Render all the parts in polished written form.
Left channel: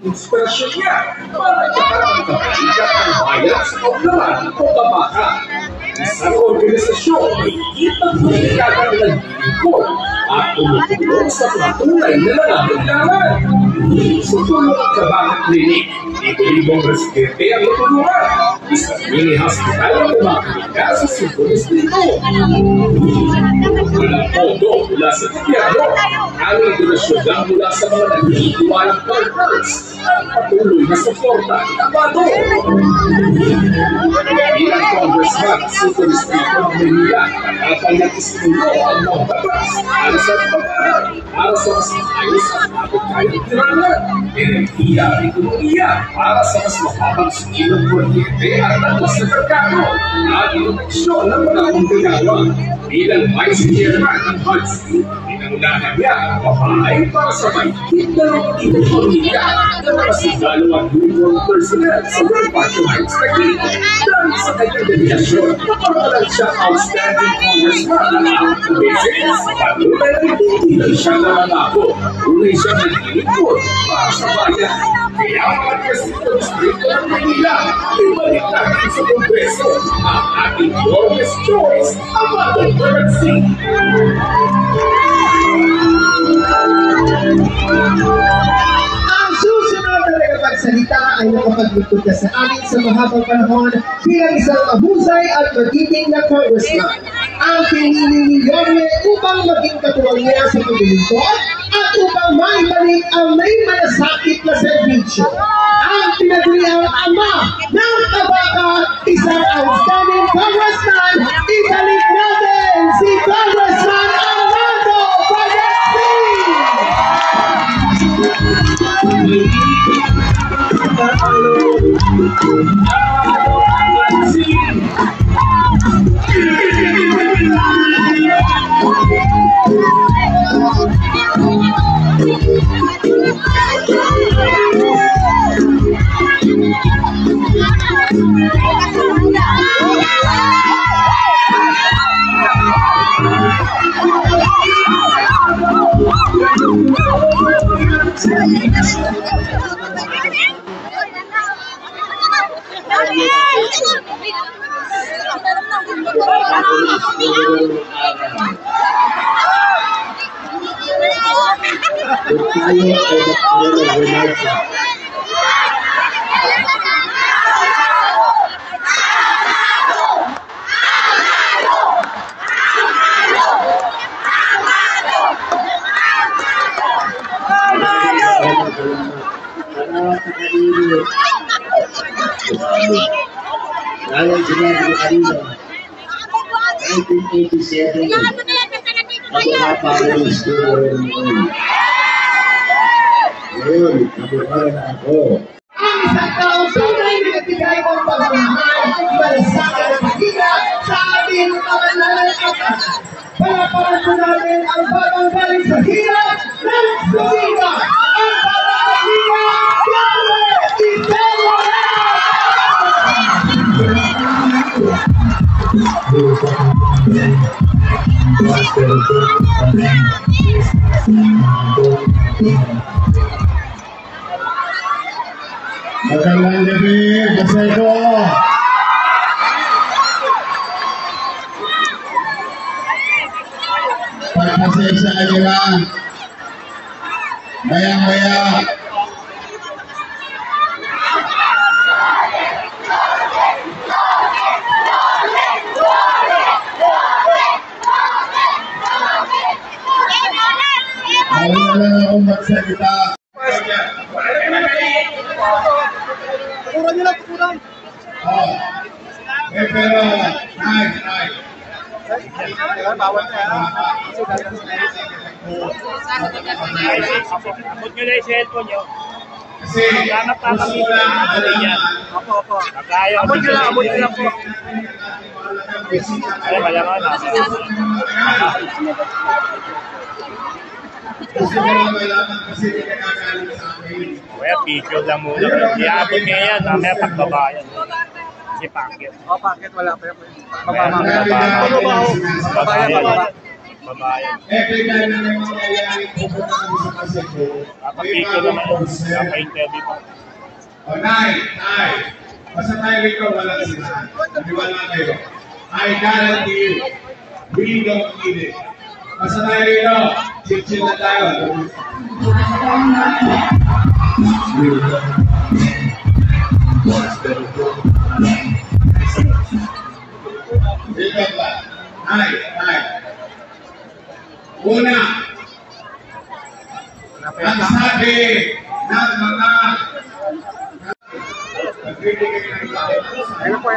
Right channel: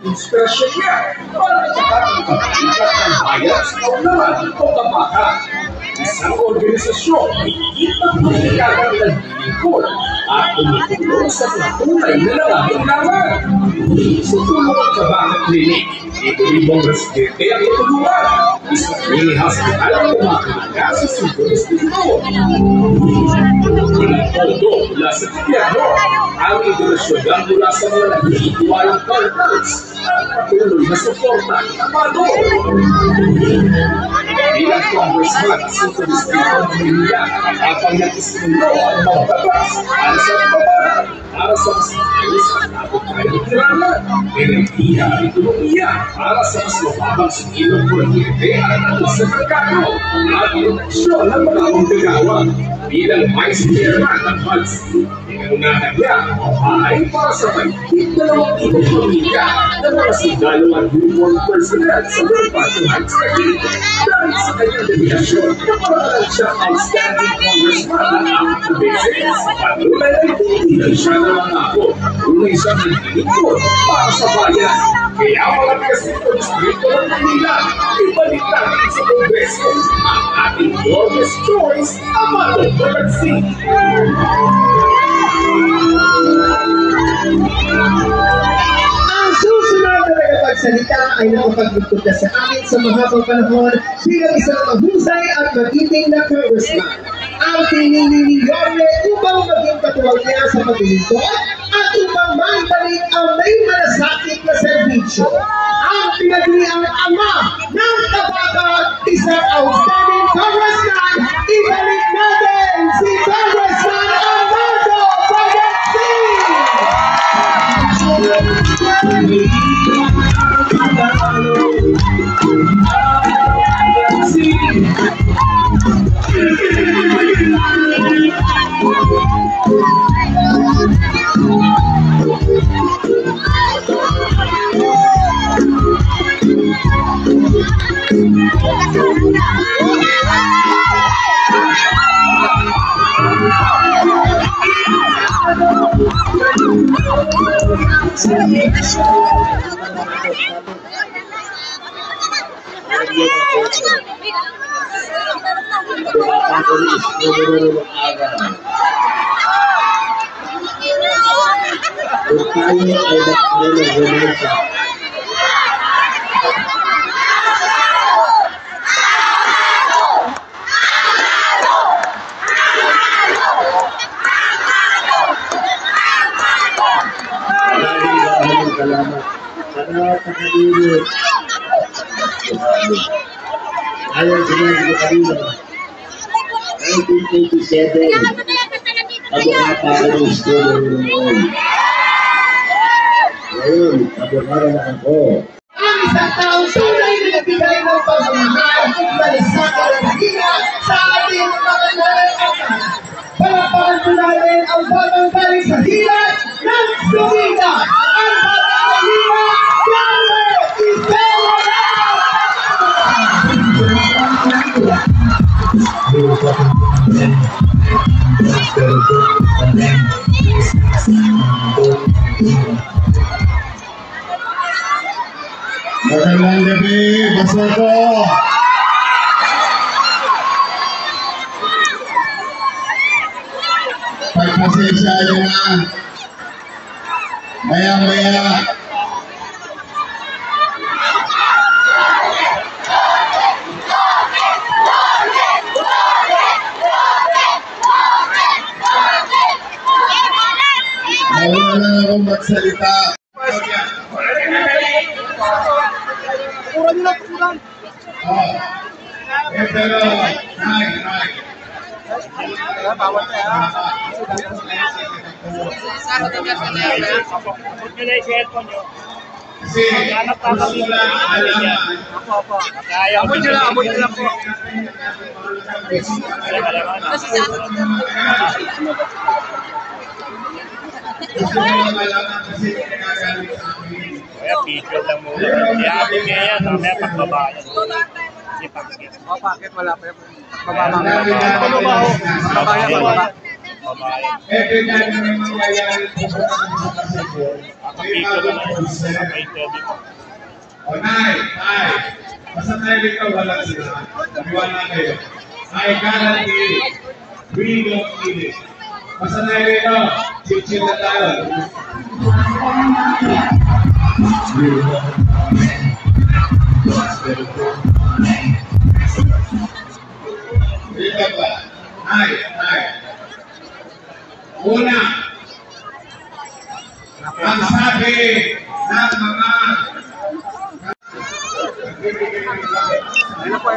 Inspirasyon niya para sa pagkakikat ng bayan sa kaunlaran o kabakan. Isang organisasyon may higit ng pagkikakan ng lingkod at tumutulong sa mga tunay na nangangailangan. Sa tulong ng Kabakan Clinic, libo-libong residente ang natulungan. Isang mini hospital ang kumakilika sa Cebu Distrito. Ilang pondo mula sa gobyerno, ang donasyon lang mula sa mga nagtitiwalang partners at patuloy na suporta ng Amado. Bilang congressman sa Cebu Distrito ng Manila, kapag nagsisimula ang mga batas para sa kababayan para sa mas ayos at napagkayang tiranan, enerhiya at ekonomiya para sa mas mababang sikilang kuryente at atos sa merkado at proteksyon ng mga manggagawa. Bilang Vice Chairman ng BADSI, pinangunahan niya ang pabahay para sa mahigit 2,000 pamilya ng mga sundalo at uniform personnel sa Bonifacio Heights Taguig. Dahil sa kanyang dedikasyon, naparalan siya outstanding congressman ng aking beses. Patuloy ay hindi lang siya nangangako, tunay siyang naglilingkod para sa bayan. Kaya mga taga-Cebu Distrito ng Manila, ibalik natin sa Kongreso ang ating Yormes Choice, Amado Balagsing. Ang susunod na tagapagsalita ay nakapaglingkod na sa amin sa mahabang panahon bilang isang mahusay at magiting na congressman. Ang pinili ni Yorme upang maging katuwang niya sa paglilingkod at upang maibalik ang may malasakit na serbisyo. Ang pinagriang ama ng Tabaka, isang outstanding congressman, ibalik natin si Congressman Amado Balagsing! Ayon sinabi ko kanina, 1987, abogata ko ng studio noon. Ngayon, abogata na ako. Ang isang taong tunay na nagbigay ng pagmamahal na sa karanahiya sa ating mga naranasan. Palapakan po natin ang bagong galing sa hirap ng Florida. Ang bagong Manila, Yorme Ibarra! Magandang gabi, Baseko! Pagpasensya nyo na, maya-maya, wala lang akong magsalita. Pero, bawal na yan. Huwag nyo na yung cellphone nyo. kasi Apo. Abot nyo lang po. Ay, malaman na. gusto mo lang malaman kasi nakagalit sa akin. Kaya picture lang muna. Si Ate Mea, mamaya pagbabayan. Si Pakit. Pakit wala pa yun. Pagbaba mga. Pagbaba. pagbabayan. Every time na may mangyayari po sa kasi ko, may mga concern. Napa-interview po. O, Nay, basta tayo rito walang sila. Naniwala kayo. I guarantee you, we don't need it. Basta tayo rito, chill na tayo. Dito ba? Nay. Una, ang sabi ng mga Ayun po.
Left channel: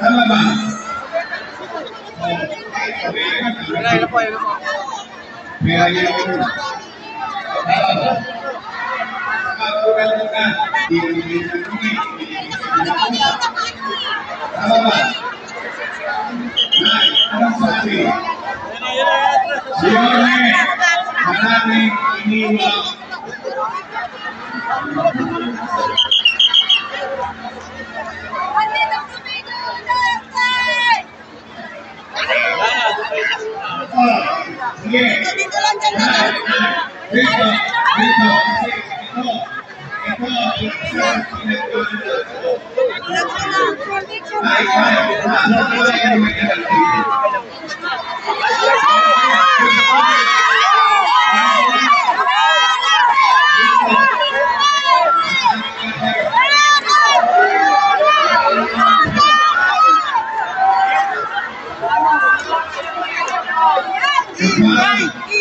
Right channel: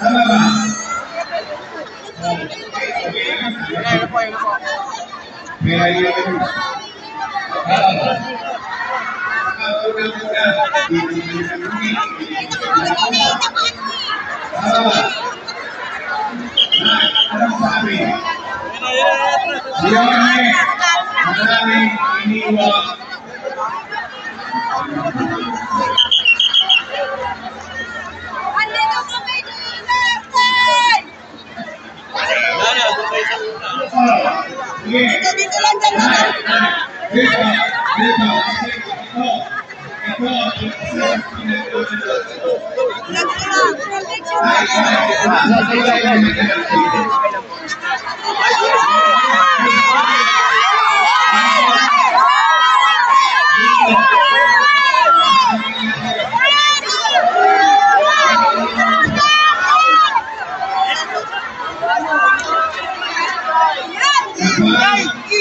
tama ba? Ayun po. May ayaw ko. Tama ba? Tama ba? Nay, anong sabi? Siyone, maraming iniwak. Sige. Dito.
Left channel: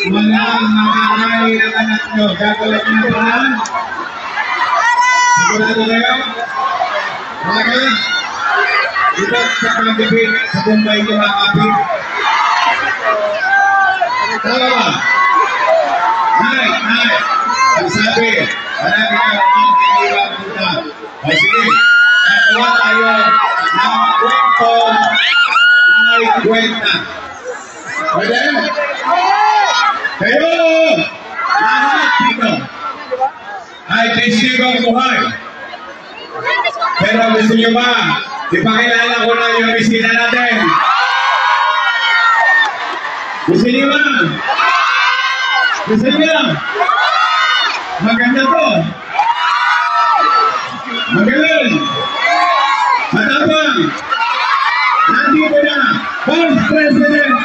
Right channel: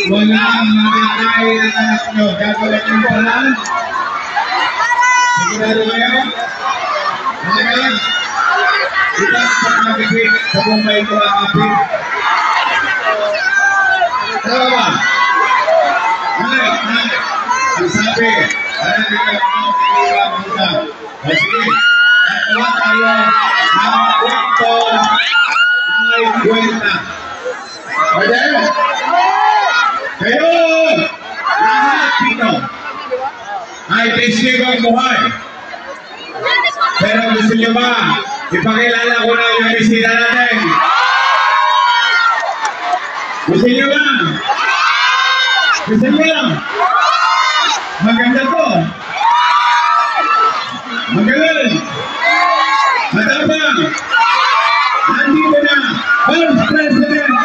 Walang makakain ang anak nyo. Gagawin nyo ba? Sigurado ba yun? Malagan? Diba sa pag-ibig sa Bombay ko ang kapit? Tama ba? Nay. Ang sabi, marami ka ang iniwag muna. O sige, natuwa tayo ng kwento ay kwenta. Pwede? Kayo! Lahat dito ay testigo ang buhay. Pero gusto nyo ba ipakilala ko na yung bisita natin? Gusto nyo ba? Gusto nyo? Maganda to. Magaling. Matapang. Nandito na Vice President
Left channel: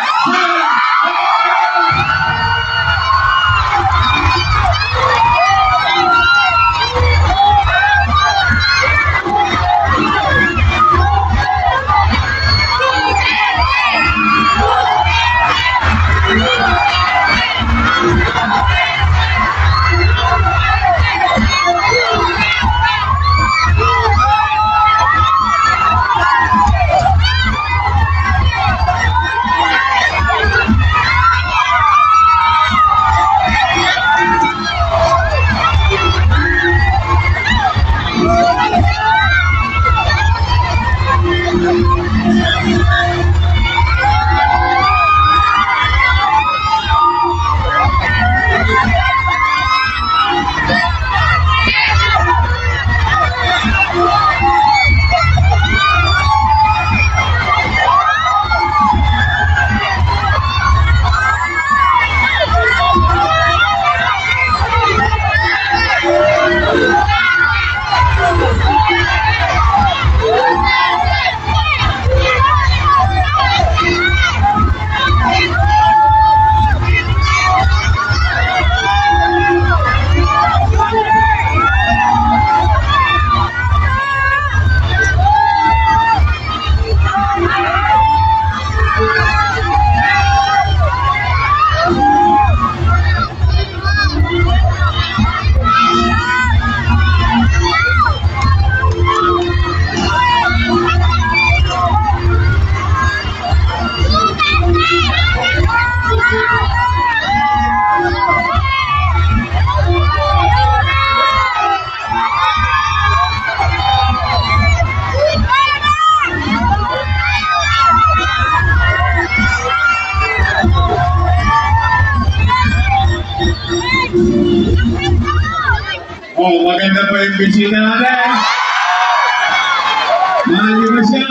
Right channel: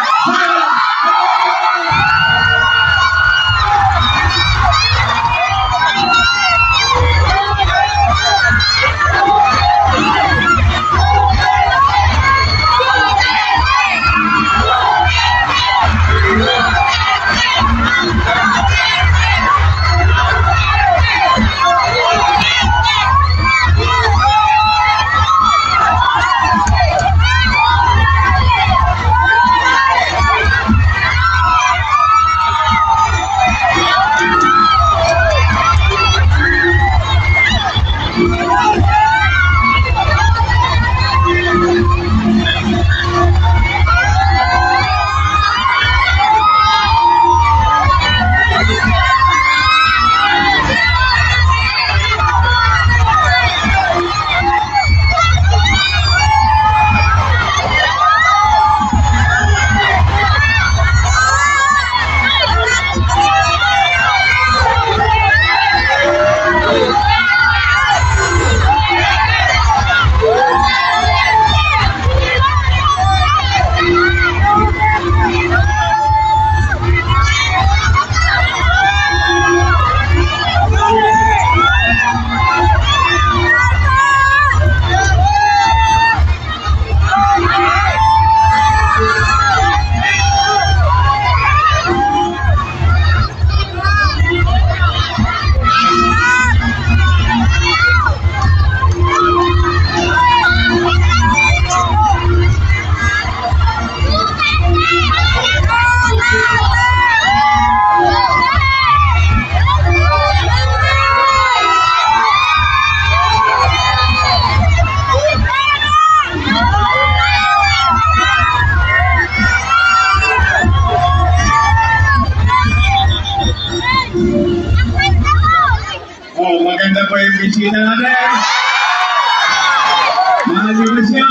maganda po yung bisita natin. Mahal nyo ba siya?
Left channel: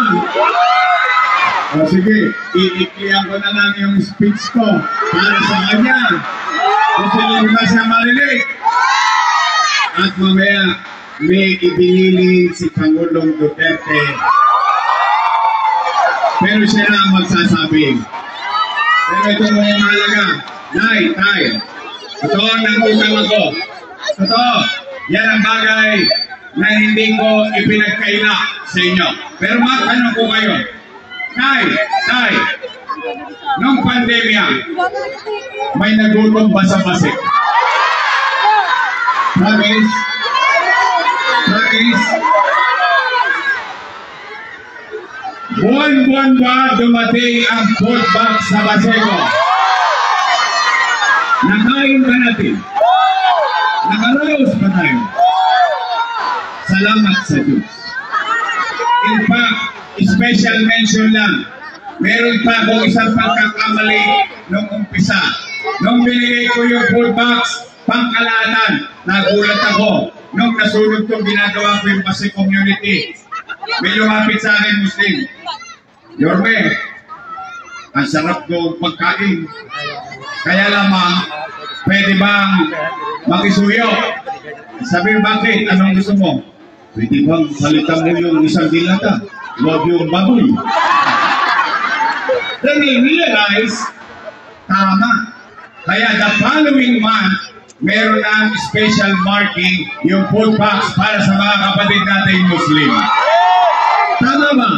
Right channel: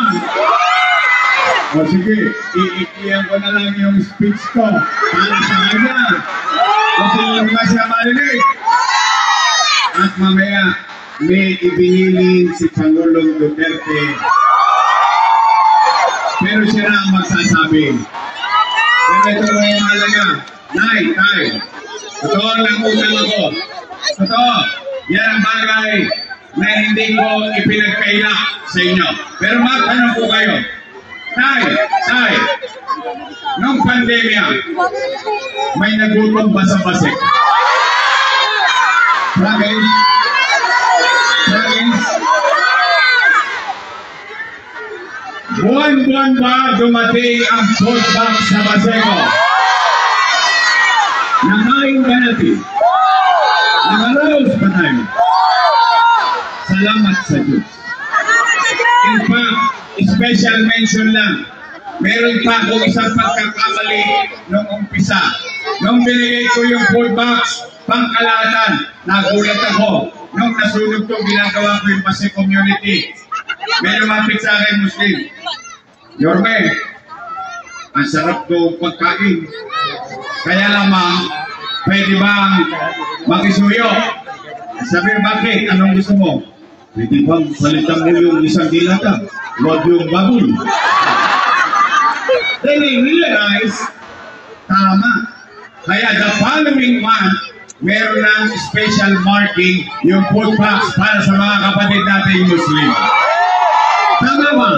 O sige, iiklihan ko na lang yung speech ko para sa kanya. Gusto niyo ba siya marinig? At mamaya, may ibinilin si Pangulong Duterte. Pero siya na ang magsasabi. Pero ito mo yung mahalaga. Nay, totoo ang nangutang ako. Totoo, yan ang bagay na hindi ko ipinagkaila sa inyo. Pero magtanong ko kayo. Tay, nung pandemya, may nagutom ba sa Pasig? Promise? Buwan-buwan ba dumating ang food box sa Paseco? Nakain ba natin? Nakaraos ba tayo? Salamat sa Diyos. In fact, special mention lang. Meron pa akong isang pagkakamali nung umpisa. Nung binigay ko yung food box, pangkalahatan, nagulat ako. Nung nasunog itong ginagawa ko yung Pasig community, may lumapit sa akin Muslim. Yorme, ang sarap ko pagkain. Kaya lamang, pwede bang makisuyo? Sabi, bakit? Anong gusto mo? Pwede bang palitan mo yung isang dilata? Huwag yung baboy. Then he realized, tama. Kaya the following month, meron ng special marking yung food box para sa mga kapatid nating Muslim. Tama ba?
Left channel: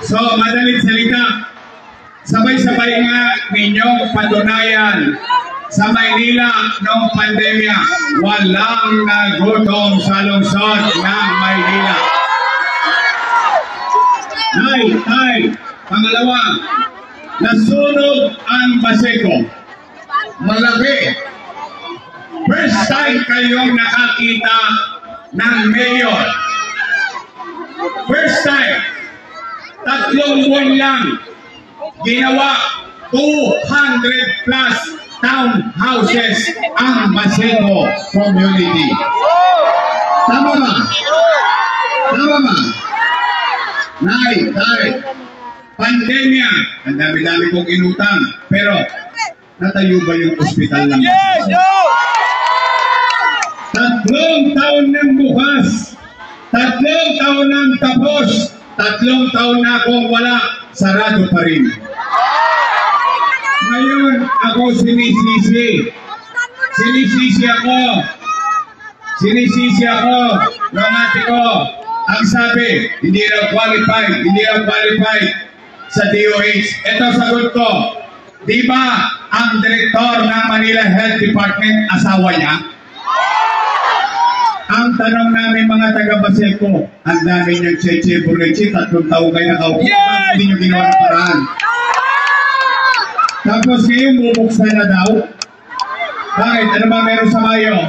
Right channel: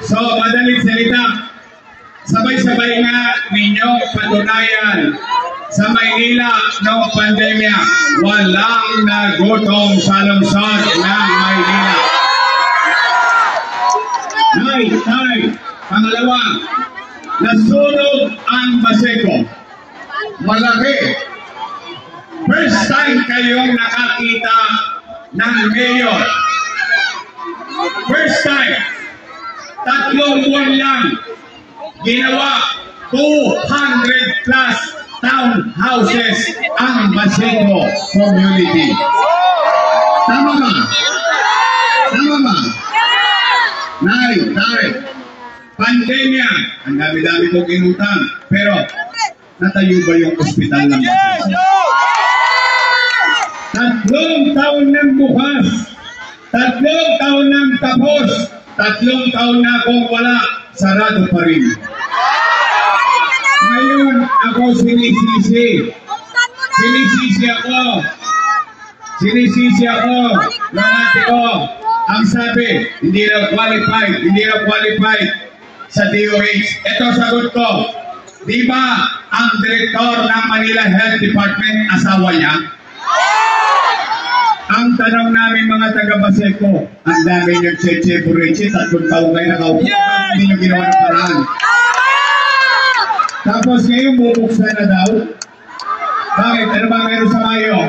So, madaling salita, sabay-sabay nga ninyong patunayan sa Maynila ng pandemya, walang nagutom sa lungsod ng Maynila. Tay, pangalawa, nasunog ang Paseco. Malaki. First time kayong nakakita ng mayor. First time. 3 buwan lang. Ginawa 200 plus townhouses ang Paseco community. Tama ba? Nay, pandemya. Ang dami-dami kong inutang. Pero, natayo ba yung ospital ng Paseco? 3 taon ng bukas. 3 taon ng tapos. 3 taon na akong wala. Sarado pa rin. Ngayon, ako sinisisi. Sinisisi ako. Ng ate ko. Ang sabi, hindi raw qualified sa DOH. Ito sagot ko. Di ba ang direktor ng Manila Health Department asawa niya? Ang tanong namin mga taga-Paseco, ang dami nyo Cheche Bureche, 3 taong kayo nakaupo, hindi nyo ginawa ng paraan. Tapos ngayon bubuksan na daw. Bakit? Ano ba meron sa Mayo?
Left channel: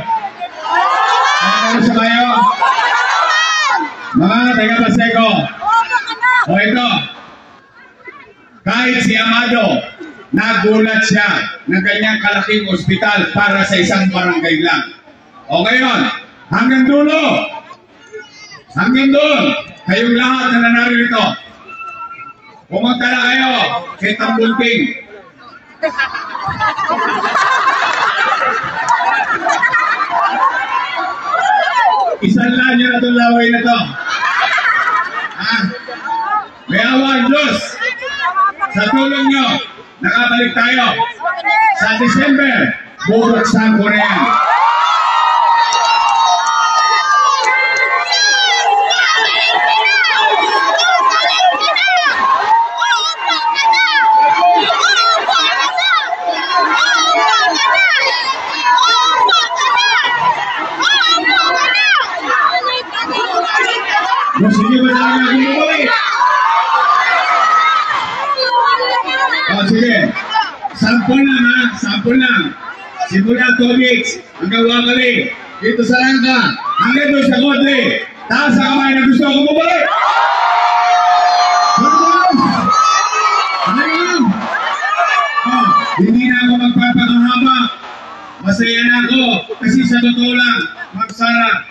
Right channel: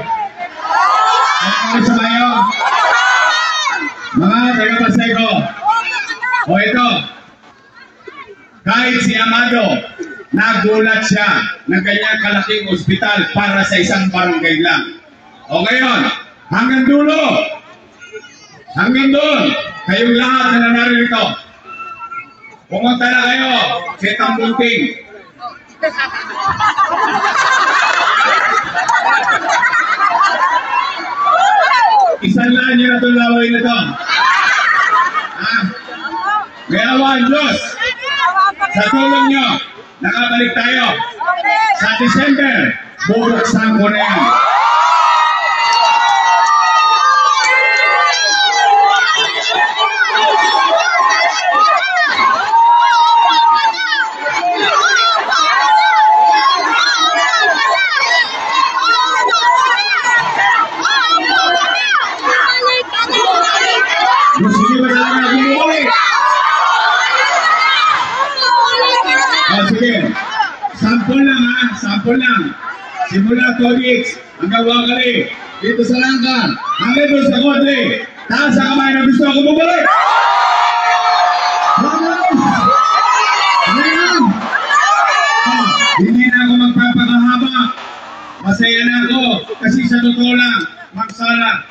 Mga taga-Paseco. O ito, kahit si Amado, nagulat siya ng kanyang kalaking ospital para sa isang barangay lang. O ngayon, hanggang dulo, hanggang doon, kayong lahat na nanarito, pumunta na kayo kay Tambunting. Isanlaan nyo na itong laway na ito. May awa ang Diyos. Sa tulong nyo, nakabalik tayo. Sa December, bubuksan ko na yan. Gusto nyo ba talaga bumubuhay? Sige, sample lang. Simula Tolix, hanggang Wakali, dito sa Langka, hanggang doon sa Kodre, taas sa kamay na gusto ako bumubuhay. Hindi na ako magpapakahaba. Masaya na ako kasi sa totoo lang, Magsara,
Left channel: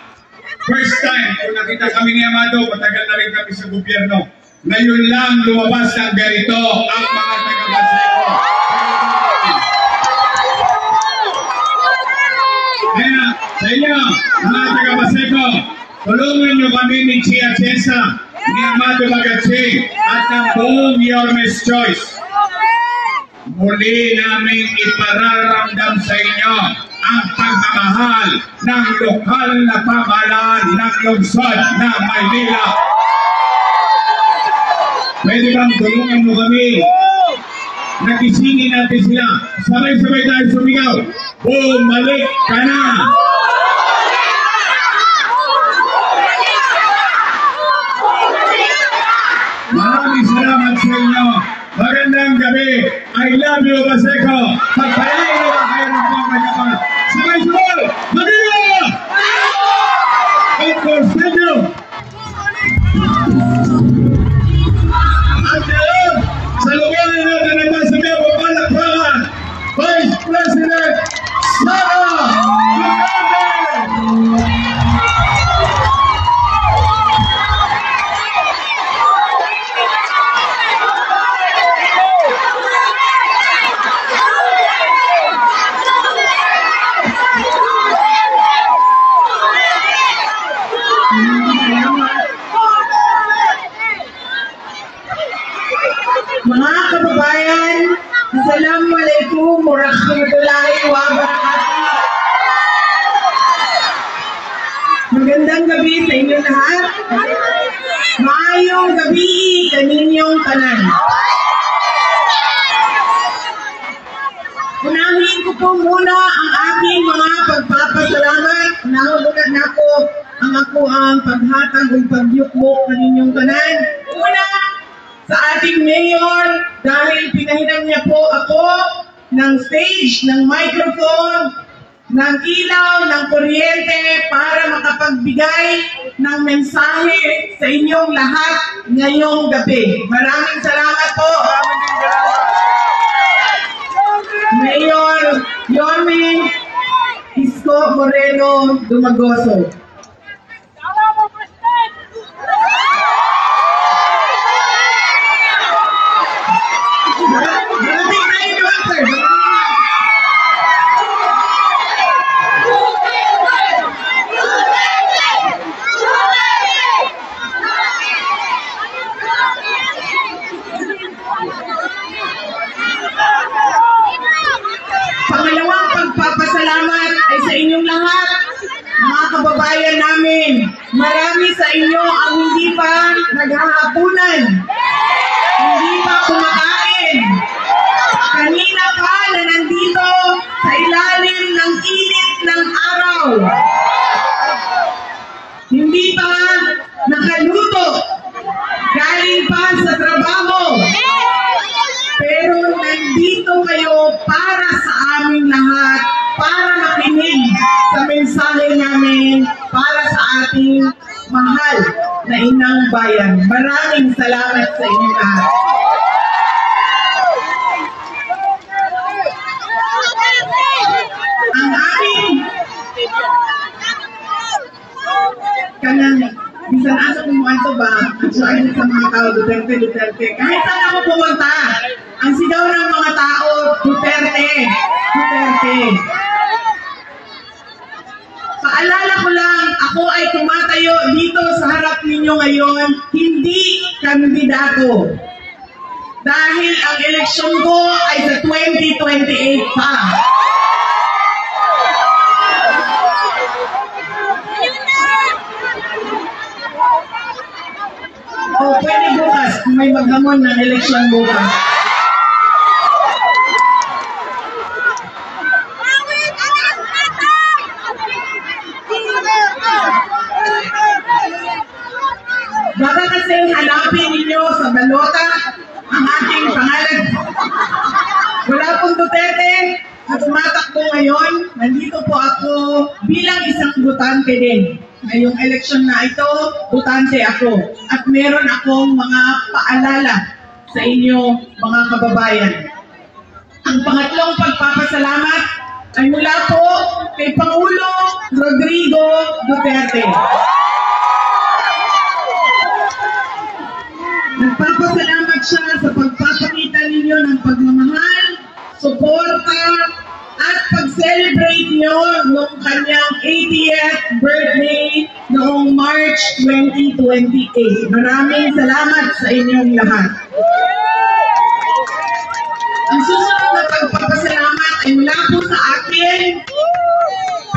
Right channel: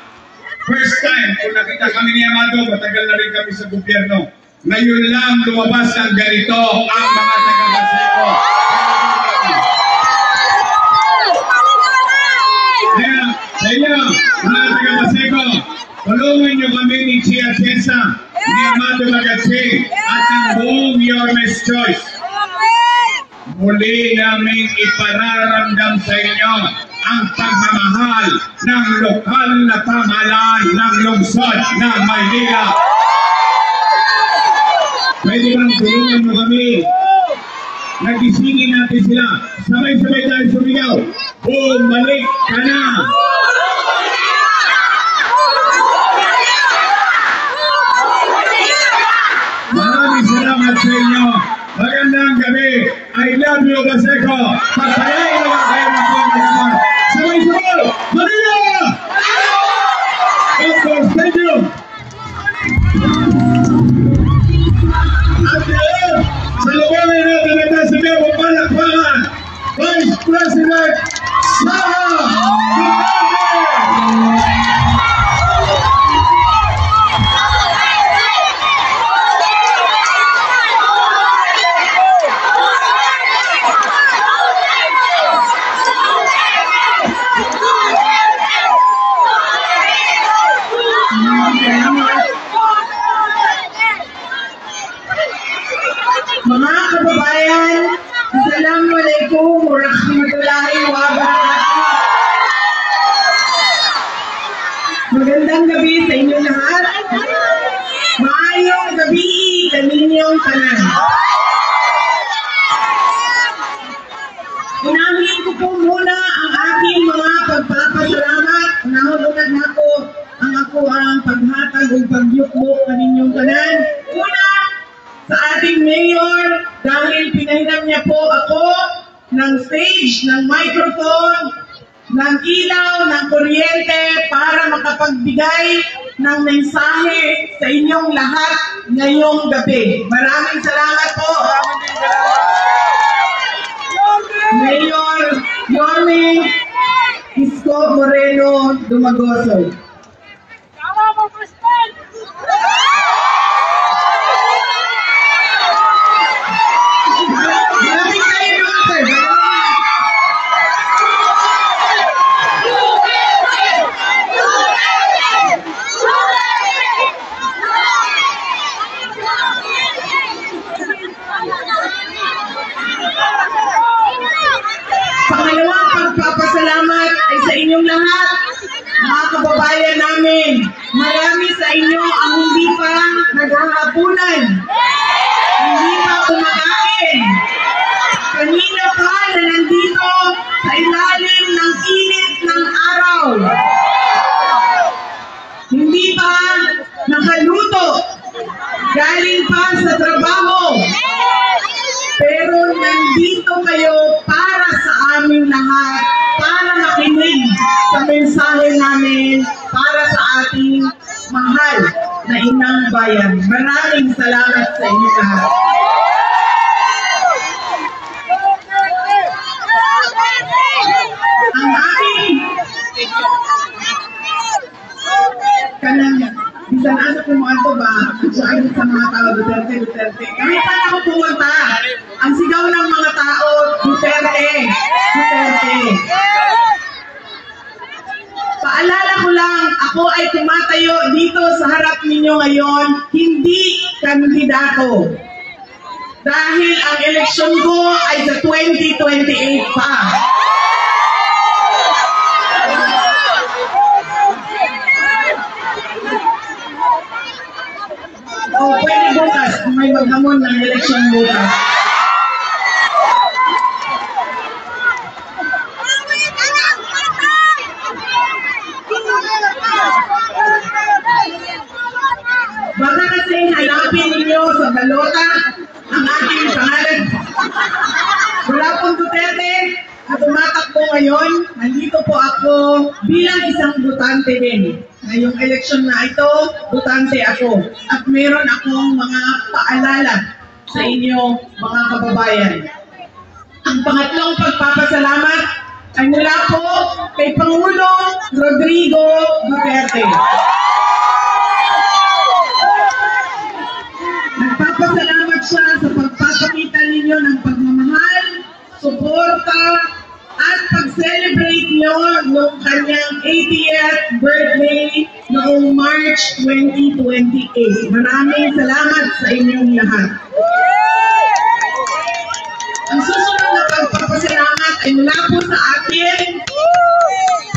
first time kung nakita kami ni Amado, matagal na rin kami sa gobyerno. Ngayon lang lumabas ng ganito ang mga taga-Baseco. Kaya sa inyo, mga taga-Baseco, tulungan nyo kami ni Chia Chesa, ni Amado Magatsi, at ng buong Yormes Choice. Muli namin ipararamdam sa inyo ang pagmamahal ng lokal na pamahalaan ng lungsod ng Maynila. Pwede bang tulungan mo kami? Nagisingin natin sila. Sabay-sabay tayo sumigaw. Bumalik ka na! Maraming salamat sa inyo. Magandang gabi. I love you, Baseco. Pagpayain na lang kayo ng pagmamahal. Sabay-sabay! Manila! Of course, thank you! At ngayon, sa lugarin natin na nasa Bebo Palakpakan, Vice President Sara Duterte! Mga kababayan, Assalamualaikum warahmatullahi wabarakatuh. Magandang gabi sa inyong lahat. Maayong gabi kaninyong tanan. Unahin ko po muna ang aking mga pagpapasalamat. Unahon-una na po ang paghatag o pagyukmok kaninyong tanan. Una, sa ating mayor, dahil pinahinam niya po ako ng stage, ng microphone, ng ilaw, ng kuryente para makapagbigay ng mensahe sa inyong lahat ngayong gabi. Maraming salamat po. Mayor Yorme Isko Moreno Dumagoso. Pangalawang pagpapasalamat ay sa inyong lahat, mga kababayan namin. Marami sa inyo ang hindi pa naghahapunan, hindi pa kumakain. Kanina pa na nandito sa ilalim ng init ng araw. Hindi pa nakaluto, galing pa sa trabaho. Pero nandito kayo para sa aming lahat, para makinig sa mensahe namin, para sa ating mahal na inang bayan. Maraming salamat sa inyo lahat. Ang aking kanan, bisan asa pumunto ba? At saan sa mga tao, Duterte, Duterte. Kahit saan ako pumunta, ang sigaw ng mga tao, Duterte, Duterte. Paalala ko lang, ako ay tumatayo dito sa harap ninyo ngayon, hindi kandidato. Dahil ang eleksyon ko ay sa 2028 pa. O pwede bukas, may maghamon ng eleksyon bukas. Baka kasi hanapin ninyo sa balota ang ating pangalan. Wala pong Duterte na tumatakbo ngayon. Nandito po ako bilang isang butante din. Ngayong eleksyon na ito, butante ako. At meron akong mga paalala sa inyo, mga kababayan. Ang pangatlong pagpapasalamat ay mula po kay Pangulo Rodrigo Duterte. siya sa pagpapakita ninyo ng pagmamahal, suporta, at pag-celebrate nyo noong kanyang 80th birthday noong March 2028. Maraming salamat sa inyong lahat. Ang susunod na pagpapasalamat ay mula po sa akin.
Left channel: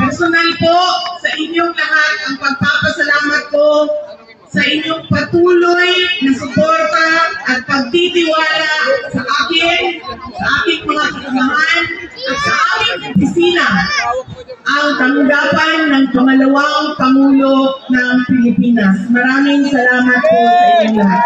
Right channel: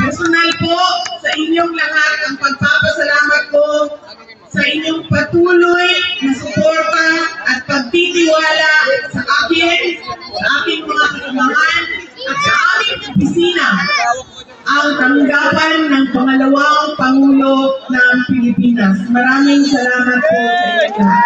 Personal po sa inyong lahat ang pagpapasalamat ko sa inyong patuloy na suporta at pagtitiwala sa akin, sa aking mga kasamahan, at sa aming opisina, ang tanggapan ng pangalawang Pangulo ng Pilipinas. Maraming salamat po sa inyong lahat.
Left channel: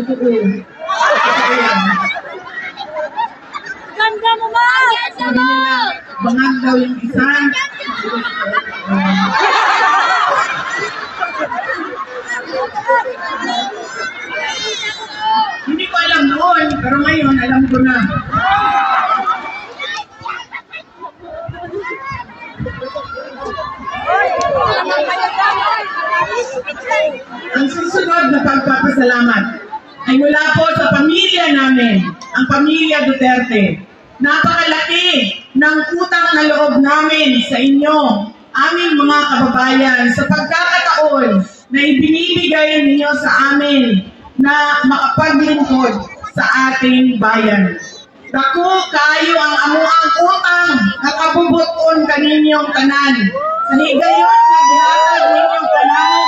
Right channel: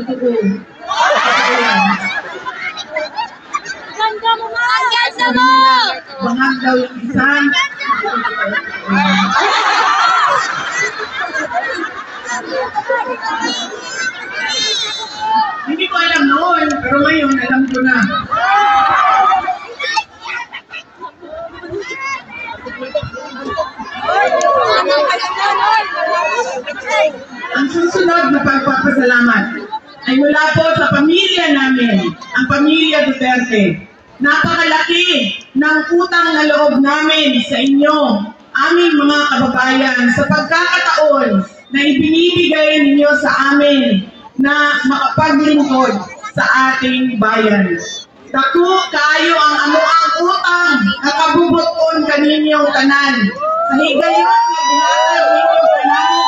Totoo. Ganda mo ba? Ganda mo! Bangag daw yung isa. Hindi ko alam noon, pero ngayon alam ko na. Ang susunod na pagpapasalamat ay mula po sa pamilya namin, ang pamilya Duterte. Napakalaki ng utang na loob namin sa inyo, aming mga kababayan, sa pagkakataon na ibinibigay ninyo sa amin na makapaglingkod sa ating bayan. Dako kaayo ang amuang utang na kabubuton kaninyong tanan. Sa higayon na gihatag ninyong tanan,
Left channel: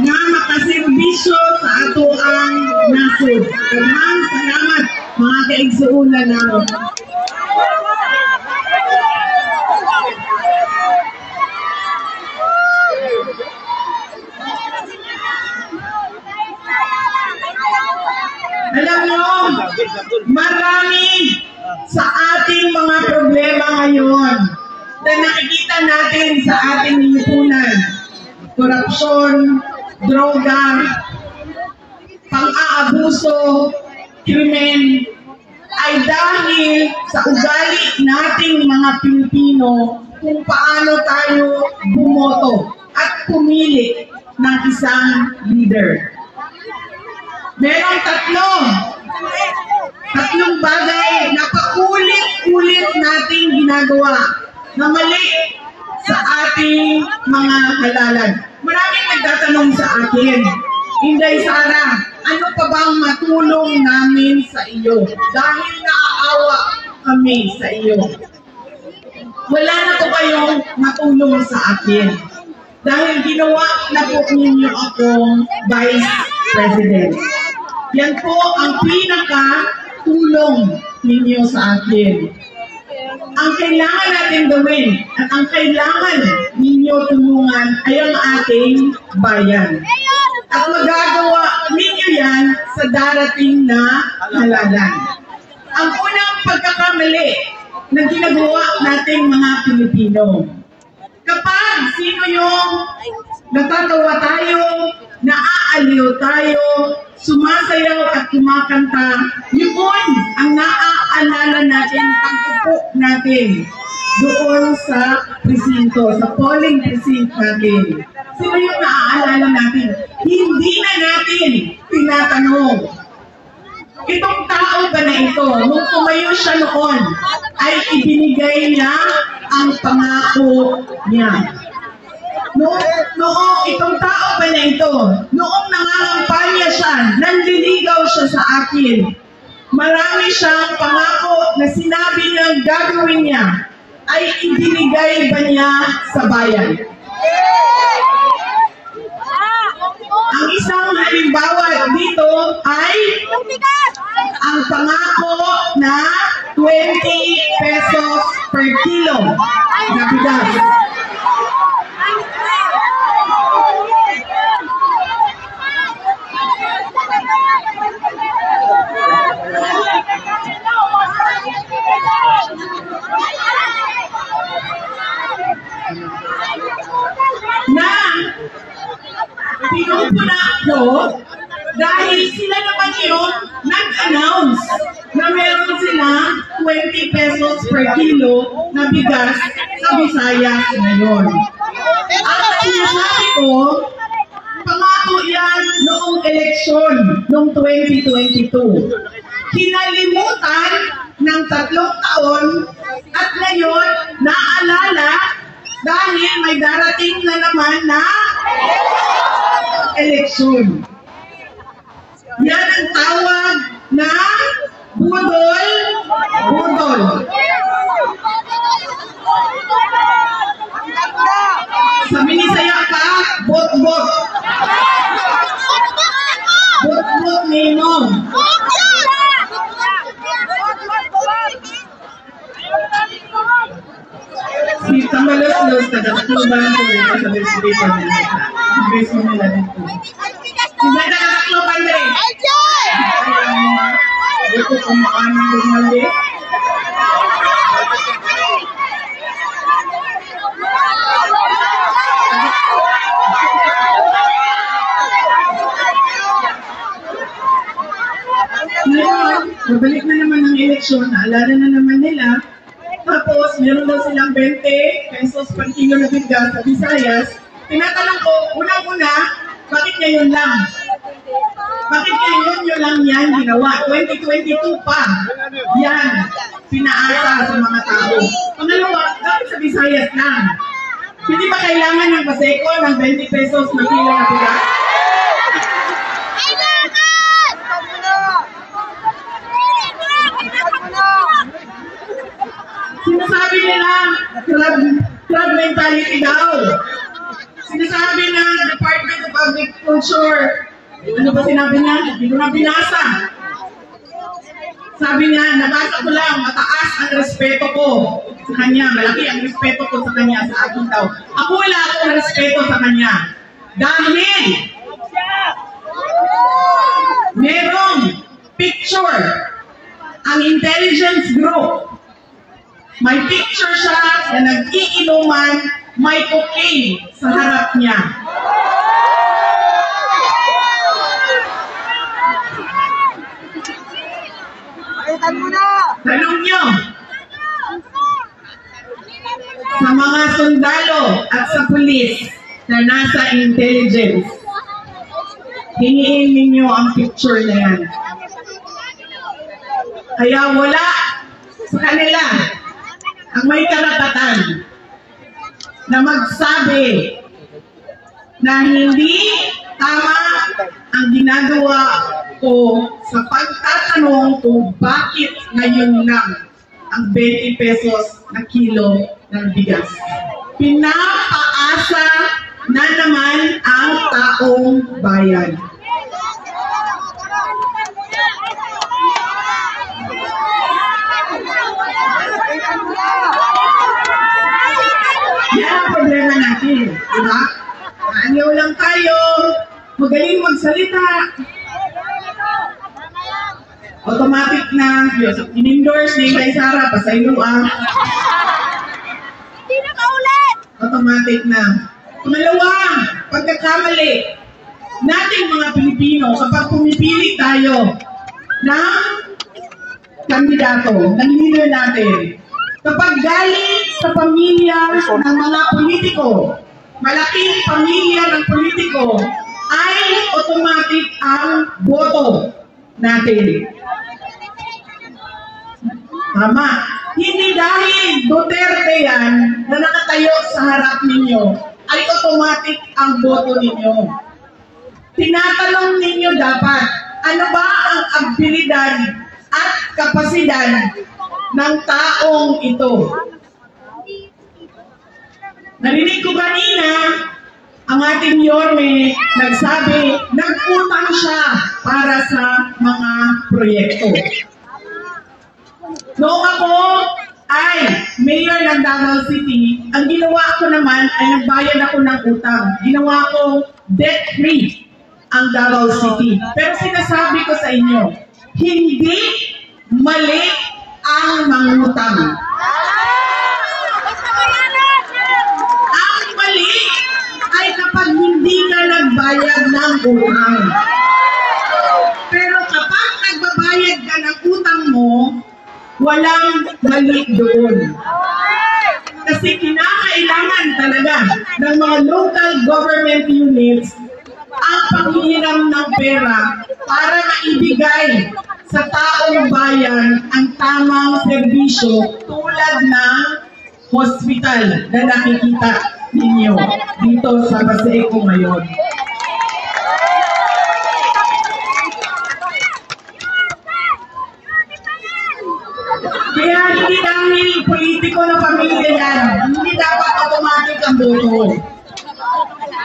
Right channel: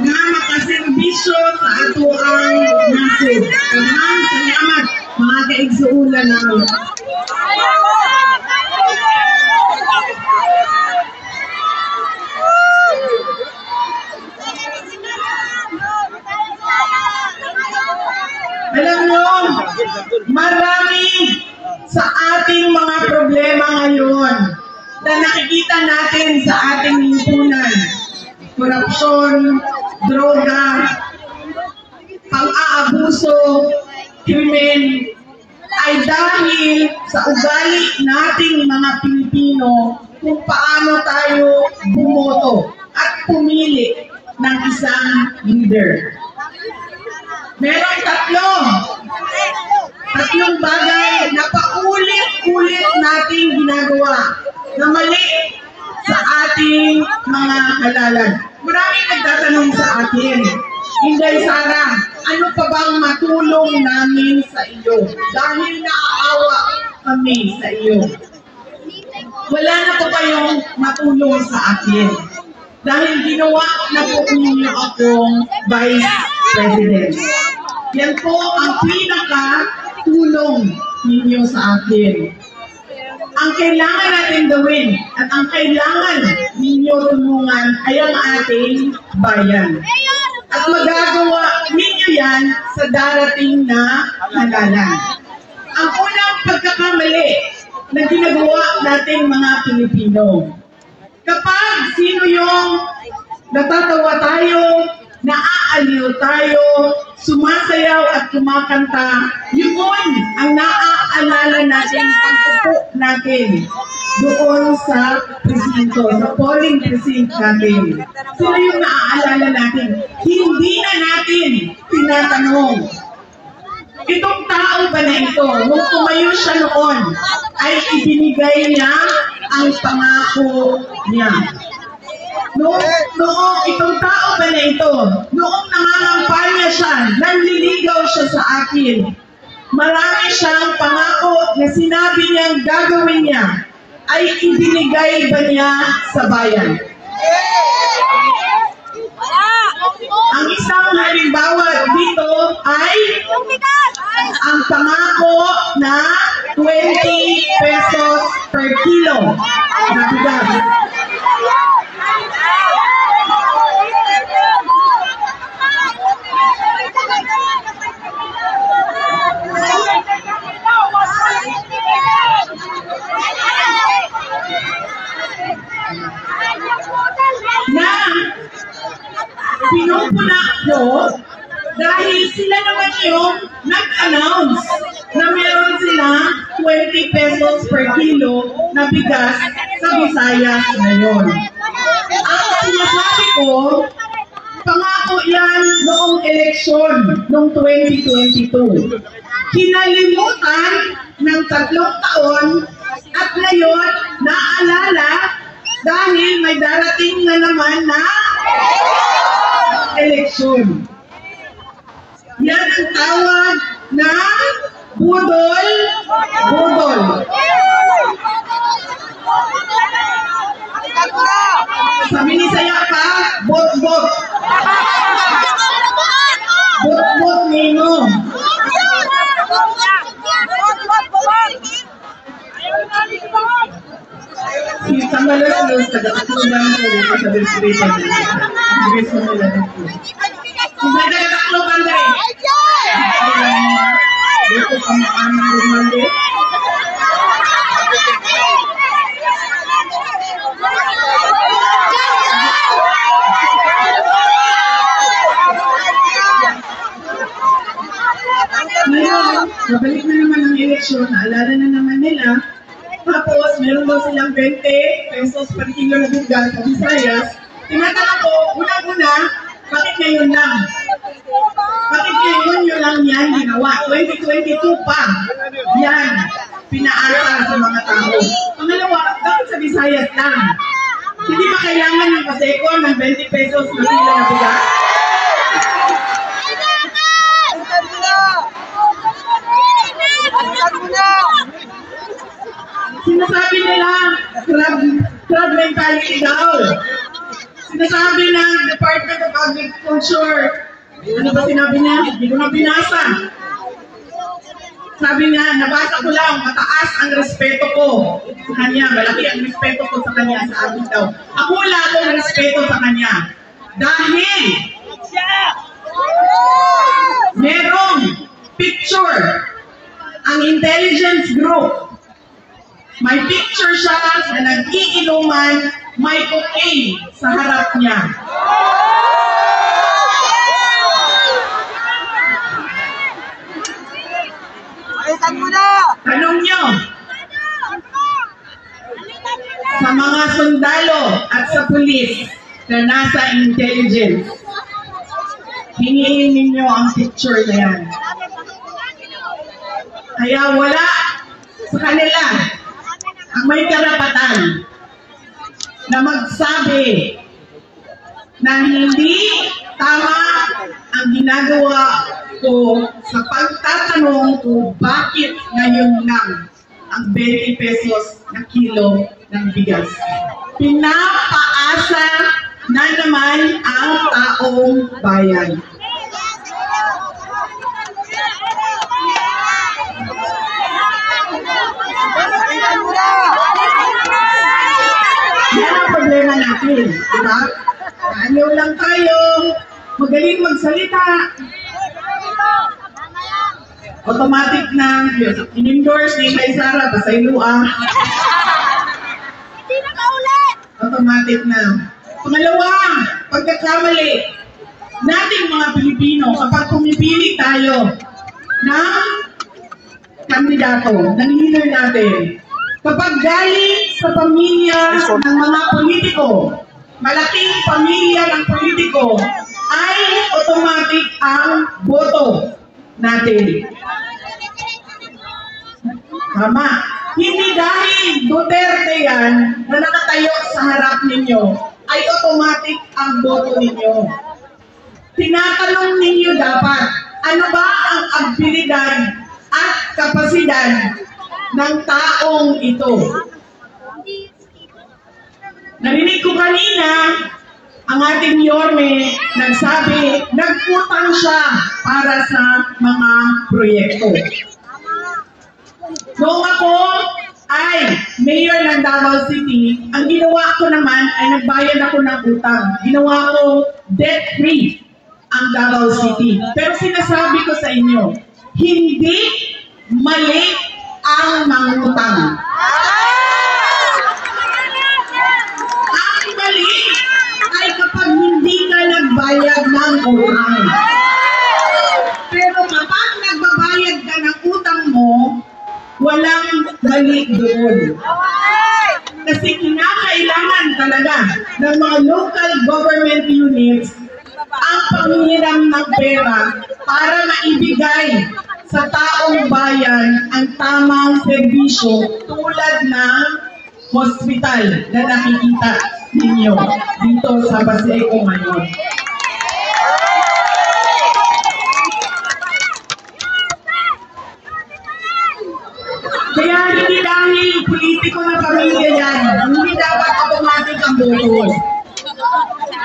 na makaserbisyo sa ato ang nasib. Daghang salamat mga kaigsuulan namin. Alam mo, marami sa ating mga problema ngayon na nakikita natin sa ating lipunan. Korupsyon, droga, pang-aabuso, krimen, ay dahil sa ugali nating mga Pilipino kung paano tayo bumoto at pumili ng isang leader. Merong tatlong bagay na paulit-ulit nating ginagawa na mali sa ating mga halalan. Maraming nagtatanong sa akin, Inday Sara, ano pa bang matulong namin sa iyo? Dahil naaawa kami sa iyo. Wala na po kayong matulong sa akin. Dahil ginawa na po ninyo akong Vice President. Yan po ang pinaka-tulong ninyo sa akin. Ang kailangan natin gawin at ang kailangan ninyo tulungan ay ang ating bayan. At magagawa ninyo yan sa darating na halalan. Ang unang pagkakamali na ginagawa nating mga Pilipino. Kapag sino yung natatawa tayo, naaaliw tayo, sumasayaw at kumakanta, yun ang naaalala natin, ang upo natin doon sa presinto, sa polling precinct natin. Sino yung naaalala natin? Hindi na natin tinatanong. Itong tao ba na ito, nung tumayo siya noon, ay ibinigay niya ang pangako niya. Noong itong tao ba na ito, noong nangangampanya siya, nanliligaw siya sa akin, marami siyang pangako na sinabi niyang gagawin niya, ay ibinigay ba niya sa bayan? Ang isang halimbawa dito ay ang pangako na 20 pesos per kilo na bigas. pinupuna ko dahil sila naman yung nag-announce na meron sila 20 pesos per kilo na bigas sa Visayas ngayon. Ang sinasabi ko, pangako yan noong eleksyon noong 2022. Kinalimutan ng 3 taon at ngayon naalala dahil may darating na naman na eleksyon. Yan ang tawag na budol. Sa Binisaya pa, bot-bot. Bot-bot nino. Si Tambalos-los, taga-takluban ko dito sa Bilsiripan nila. Grace mo nila dito. Sila taga-takluban rin. Dito sa makaan ng rumali. Ngayon, babalik na naman ang eleksyon, naalala na naman nila. Tapos, meron daw silang 20 pesos per kilo na bigas sa Visayas. Tinatanong ko, una-una, bakit ngayon lang? Bakit ngayon yun lang yan ginawa? 2022 pa. Yan, pinaasa sa mga tao. Pangalawa, bakit sa Visayas lang? Hindi ba kailangan ng Paseco ng 20 pesos na kilo na bigas? Sinasabi nila, crab mentality daw. Sinasabi ng Department of Agriculture, ano ba sinabi niya? Hindi ko na binasa. Sabi niya, nabasa ko lang, mataas ang respeto ko sa kanya. Malaki ang respeto ko sa kanya sa akin daw. Ako wala akong respeto sa kanya. Dahil merong picture ang intelligence group. May picture siya na nag-iinuman, may cocaine sa harap niya. Tanong niyo, sa mga sundalo at sa pulis na nasa intelligence, hingiin ninyo ang picture na yan. Kaya wala sa kanila ang may karapatan na magsabi na hindi tama ang ginagawa ko sa pagtatanong kung bakit ngayon lang ang 20 pesos na kilo ng bigas. Pinapaasa na naman ang taong bayan. Yan ang problema natin, di ba? Naanyaw lang tayo, magaling magsalita. Automatic na, in-endorse ni kay Sara, pasaylua. Hindi na kaulit! Automatic na. Pangalawa, pagkakamali nating mga Pilipino kapag pumipili tayo ng kandidato, ng leader natin. Kapag galing sa pamilya ng mga politiko, malaking pamilya ng politiko, ay automatic ang boto natin. Tama. Hindi dahil Duterte yan na nakatayo sa harap ninyo, ay automatic ang boto ninyo. Tinatanong ninyo dapat, ano ba ang abilidad at kapasidad ng taong ito? Narinig ko kanina, ang ating Yorme nagsabi, nagutang siya para sa mga proyekto. Noong ako ay mayor ng Davao City, ang ginawa ko naman ay nagbayad ako ng utang. Ginawa ko debt-free ang Davao City. Pero sinasabi ko sa inyo, hindi mali ang mangutang. Ang mali ay kapag hindi ka nagbayad magbabayad ng utang. Pero kapag nagbabayad ka ng utang mo, walang mali doon. Kasi kinakailangan talaga ng mga local government units ang panghiram ng pera para maibigay sa taong bayan ang tamang serbisyo tulad ng hospital na nakikita ninyo dito sa Paseco ngayon. Kaya hindi dahil politiko na pamilya yan, hindi dapat automatic ang boto.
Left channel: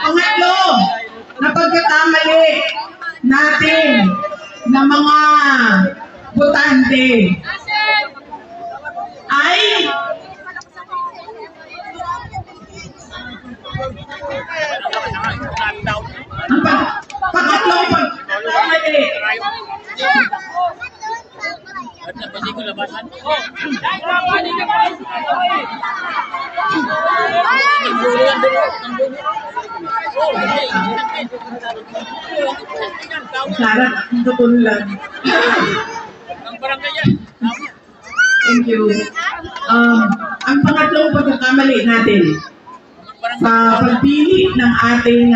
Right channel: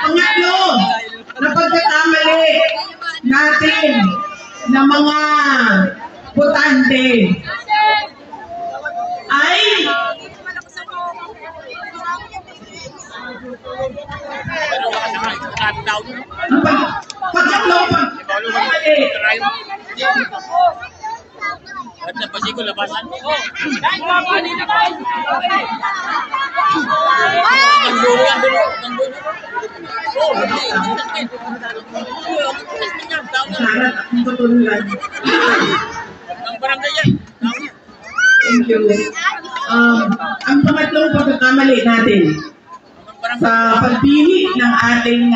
Pangatlo, na pagkakamali natin na mga botante ay ang pangatlo pagkakamali Sarap, tutulad. Thank you. Ang pangatlong pagkakamali natin sa pagpili ng ating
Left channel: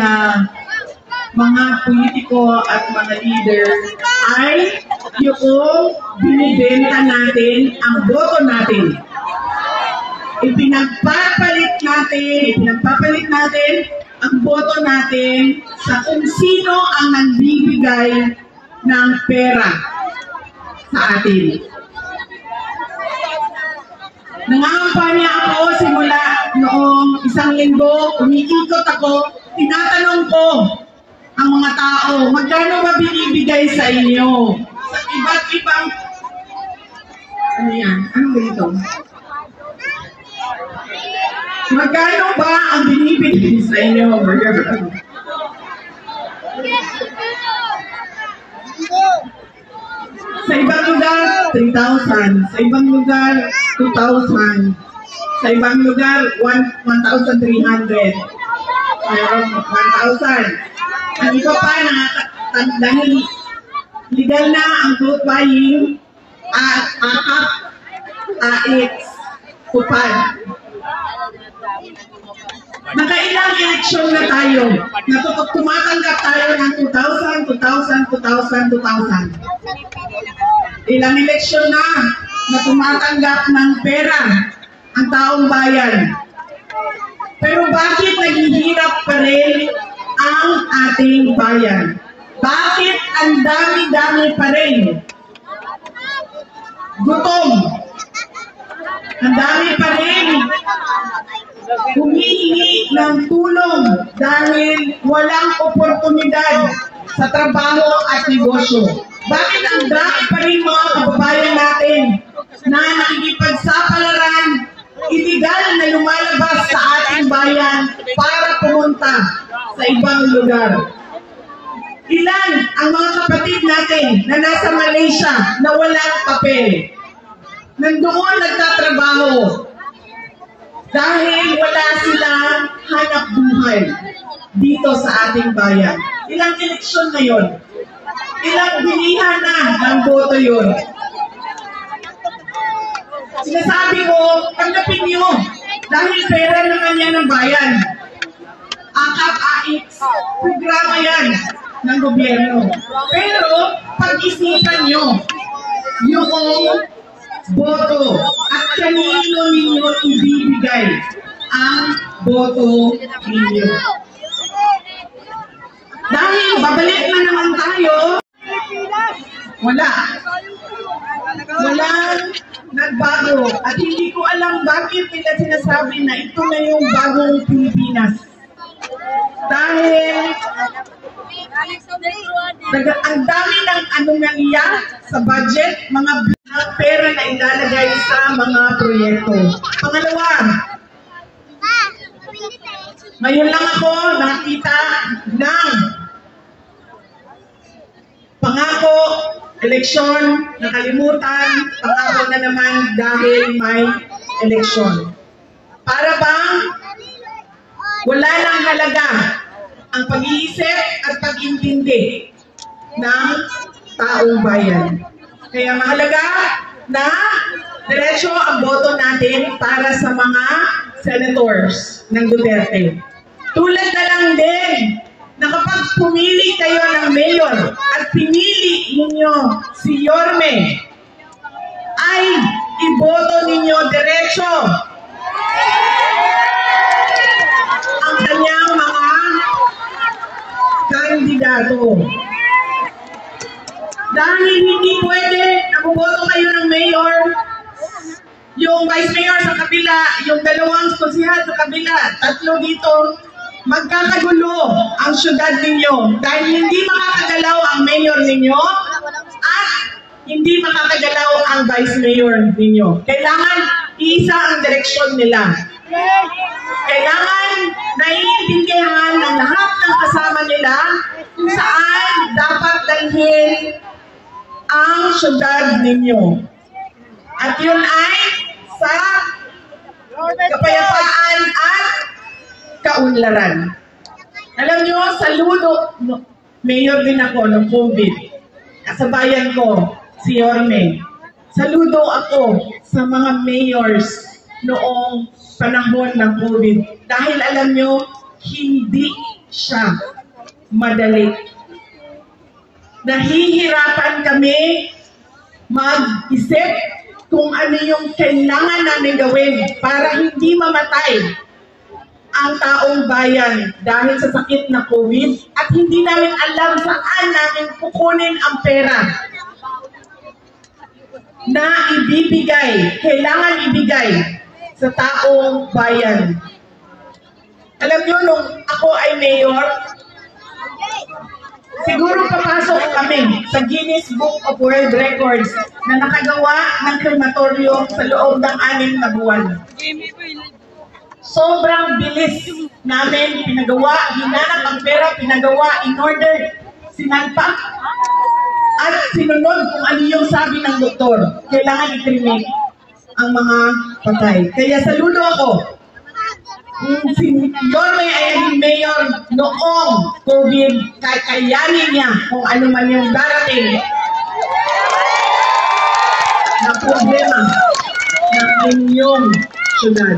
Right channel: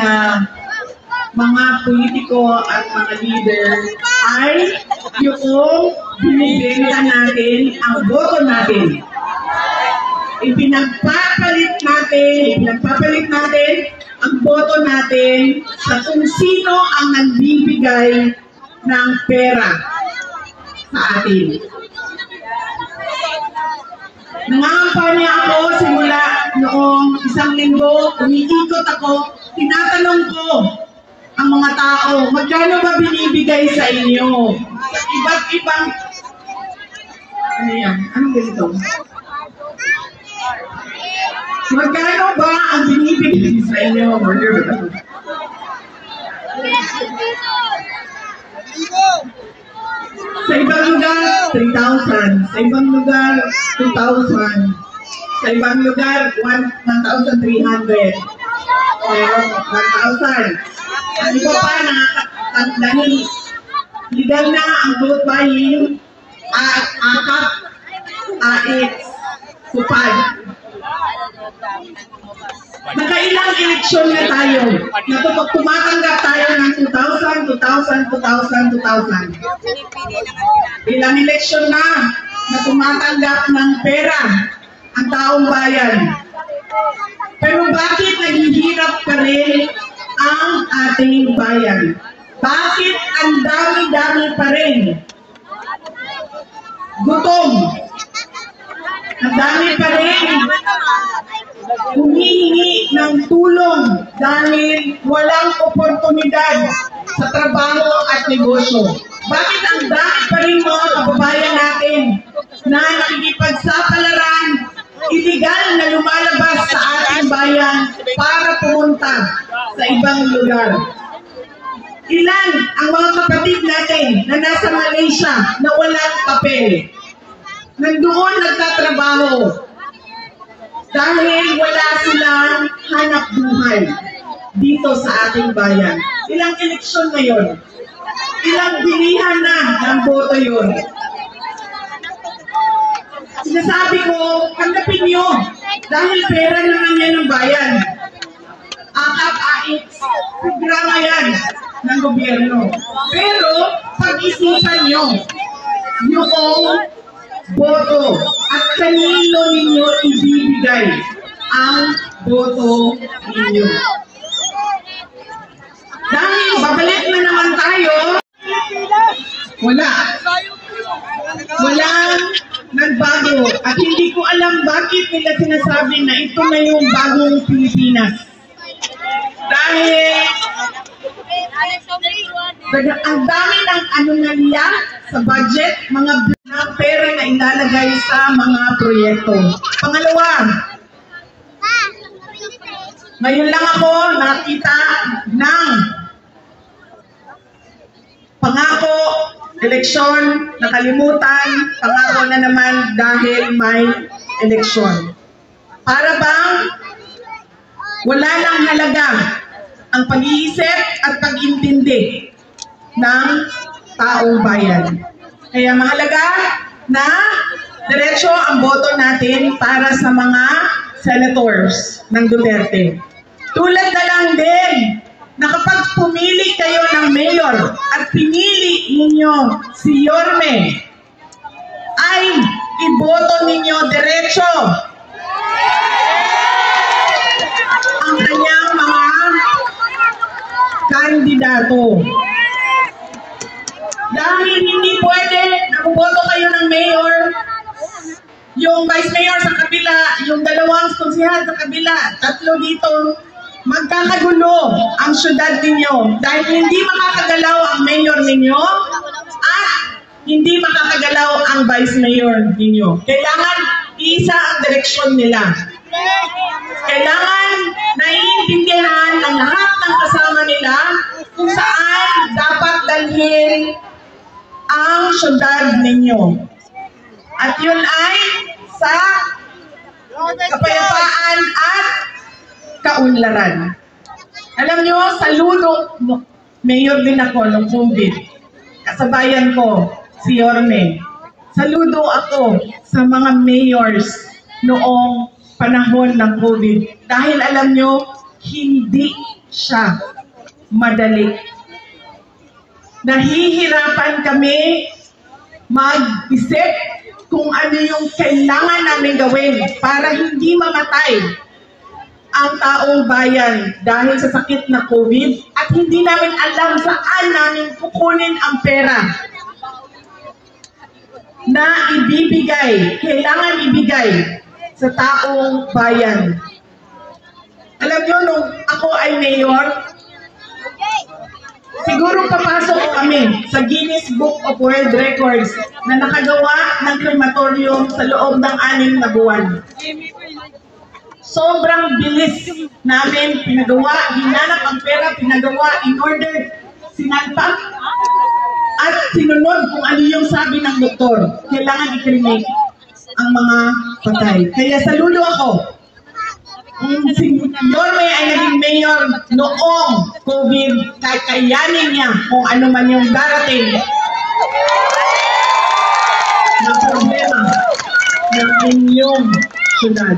mga politiko at mga leader ay yung binibenta natin ang boto natin. Ipinagpapalit natin ang boto natin sa kung sino ang nagbibigay ng pera sa atin. Nangangampanya ako simula noong 1 linggo, umiikot ako, tinatanong ko ang mga tao, magkano ba binibigay sa inyo? Sa iba't ibang, ano yan? Anong ganito? Magkano ba ang binibigay sa inyo? Sa ibang lugar, 3,000. Sa ibang lugar, 2,000. Sa ibang lugar, 1,300. Mayroon 1,000. Ang iba pa, dahil legal na ang vote buying, akap, AX, kupad. Nakailang eleksyon na tayo. Tumatanggap tayo ng 2,000, 2,000, 2,000, 2,000. Ilang eleksyon na tumatanggap ng pera ang taong bayan. Pero bakit naghihirap pa rin ang ating bayan? Bakit ang dami-dami pa rin? Gutom. Ang dami pa rin humihingi ng tulong dahil walang oportunidad sa trabaho at negosyo. Bakit ang dami pa rin mga kababayan natin na nakikipagsapalaran, illegal na lumalabas sa ating bayan para pumunta sa ibang lugar? Ilan ang mga kapatid natin na nasa Malaysia na walang papel? Nandoon nagtatrabaho dahil wala silang hanap buhay dito sa ating bayan. Ilang eleksyon na yon? Ilang bilihan na ng boto yon? Sinasabi ko, tanggapin nyo dahil pera naman yan ng bayan. AKAP-AX, programa yan ng gobyerno. Pero pag-isipan nyo yung boto at kanino ninyo ibibigay ang boto ninyo. Dahil babalik na naman tayo, walang nagbago. At hindi ko alam bakit nila sinasabi na ito na yung bagong Pilipinas. Dahil ang dami ng anomalya sa budget, mga pera na ilalagay sa mga proyekto. Pangalawa, ngayon lang ako nakita ng pangako, eleksyon, nakalimutan, pangako na naman dahil may eleksyon. Para bang wala nang halaga ang pag-iisip at pag-intindi ng taong bayan. Kaya mahalaga na diretso ang boto natin para sa mga senators ng Duterte. Tulad na lang din na kapag pumili kayo ng mayor at pinili ninyo si Yorme, ay iboto ninyo diretso ang kanyang mga kandidato. Dahil hindi pwede na buboto kayo ng mayor, yung vice mayor sa kabila, yung dalawang konsehal sa kabila, tatlo dito, magkakagulo ang syudad ninyo dahil hindi makakagalaw ang mayor ninyo at hindi makakagalaw ang vice mayor ninyo. Kailangan isa ang direksyon nila. Kailangan naiintindihan ng lahat ng kasama nila kung saan dapat dalhin ang syudad ninyo. At yun ay sa kapayapaan at kaunlaran. Alam nyo, saludo, mayor din ako ng COVID. Kasabayan ko, si Yorme. Saludo ako sa mga mayors noong panahon ng COVID. Dahil alam nyo, hindi siya madali. Nahihirapan kami mag-isip kung ano yung kailangan namin gawin para hindi mamatay ang taong bayan dahil sa sakit na COVID at hindi namin alam saan namin kukunin ang pera na ibibigay, kailangan ibigay sa taong bayan. Alam nyo, nung ako ay mayor, siguro papasok kami sa Guinness Book of World Records na nakagawa ng krematorium sa loob ng 6 na buwan. Sobrang bilis namin pinagawa, hinanap ang pera, pinagawa, in-order, sinagpak, at sinunod kung ano yung sabi ng doktor. Kailangan i-cremate ang mga patay. Kaya saludo ako. Si Yorme ay naging mayor noong COVID, kakayanin niya kung ano man yung darating na problema ng inyong syudad.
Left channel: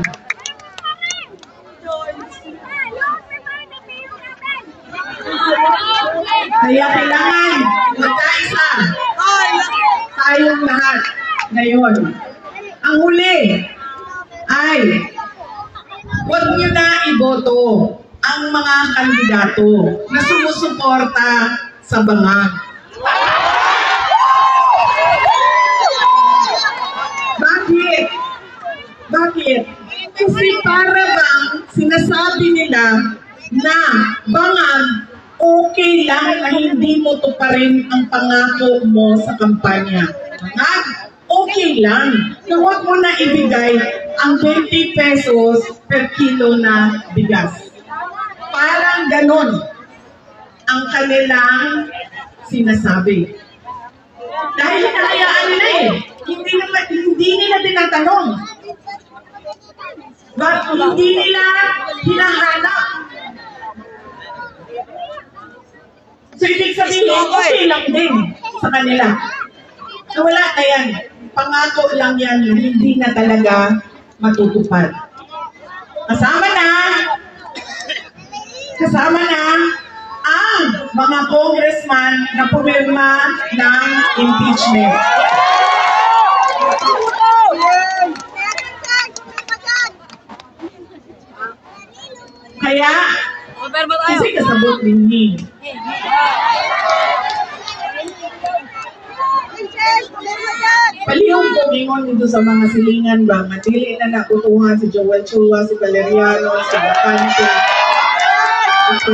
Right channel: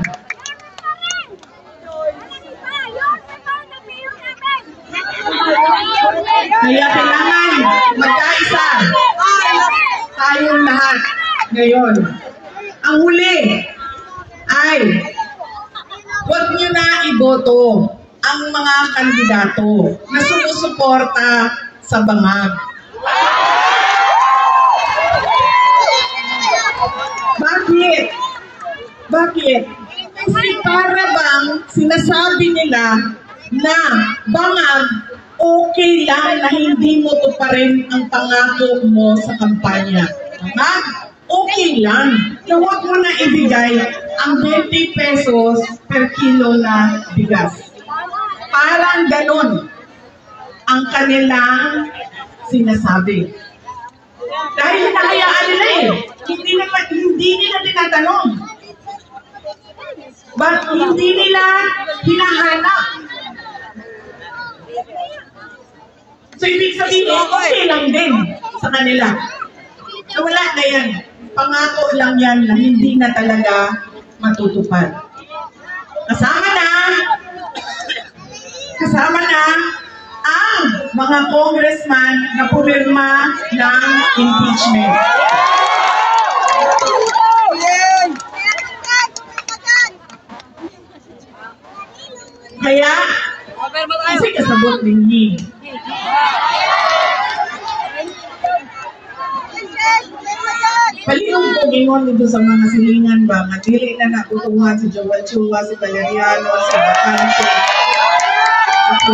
Kaya kailangan magkaisa tayong lahat ngayon. Ang huli ay huwag nyo na iboto ang mga kandidato na sumusuporta sa bangag. Bakit? Bakit? Kasi para bang sinasabi nila na bangag okay lang na hindi mo tuparin ang pangako mo sa kampanya. Bangag, okay lang na huwag mo na ibigay ang 20 pesos per kilo na bigas. Parang ganon ang kanilang sinasabi. Dahil hinahayaan nila hindi nila tinatanong. But hindi nila hinahanap. So ibig sabihin, okay lang din sa kanila. So wala na yan. Pangako lang yan na hindi na talaga matutupad. Kasama na ang mga congressman na pumirma ng impeachment. Kaya, kasi kasabot ninyo. Palihog ko gingon dito sa mga silingan ba, matili na nakutuhan si Joel Chua, si Valeriano, si Bacante. Ito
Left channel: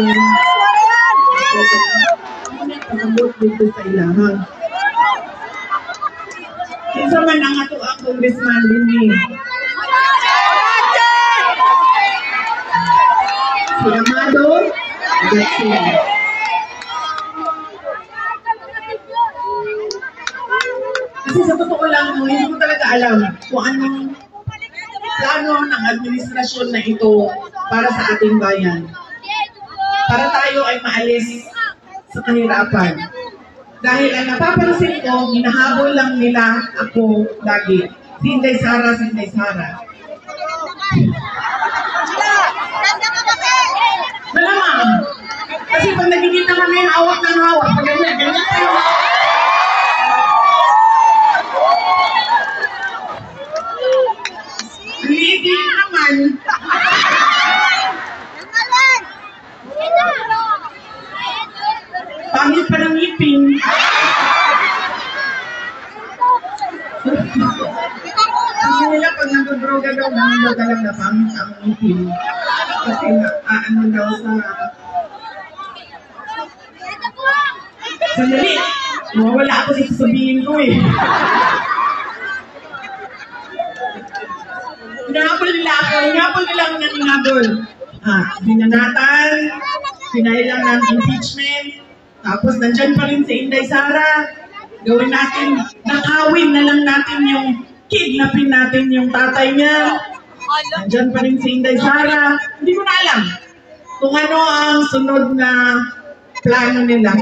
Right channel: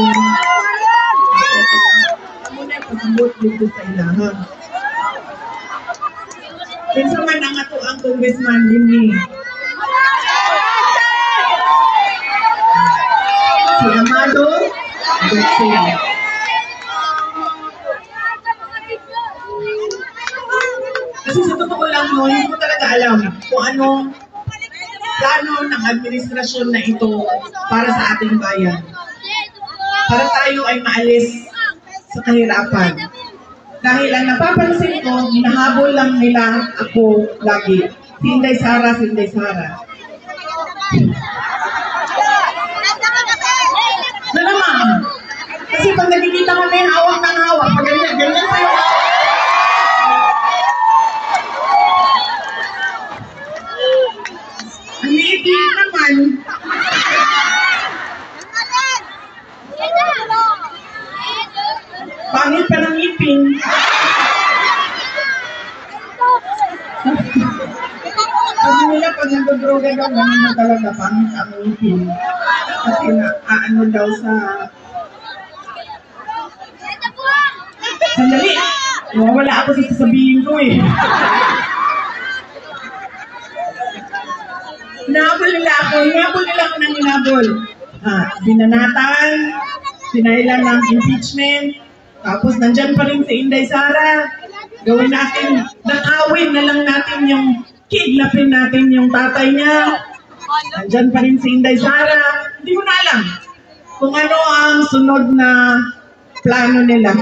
na kasabot dito sa ilahan. Kinsa man ang ato ang congressman din si Amado Garcia. Kasi sa totoo lang, hindi ko talaga alam kung anong plano ng administrasyon na ito para sa ating bayan. para tayo ay maalis sa kahirapan. Dahil ang napapansin ko, hinahabol lang nila ako lagi. Sinday Sara, Sinday Sara. Malamang. Kasi pag nagkikita kami, hawak ng hawak. Pag ganyan, ganyan pa yung hawak. Ang liit naman. Pangit pa ng ngipin. Sabi nila pag nag-droga daw, ganun daw talaga pangit ang ngipin. Kasi ano daw sa... Sandali! Wala ako sa sasabihin ko eh. Hinabol nila ako. Hinabol nila ako ng hinabol. Binanatan, pinailan ng impeachment, tapos nandyan pa rin si Inday Sara. Gawin natin, nakawin na lang natin yung kidnapin natin yung tatay niya. Nandyan pa rin si Inday Sara. Hindi ko na alam kung ano ang sunod na plano nila.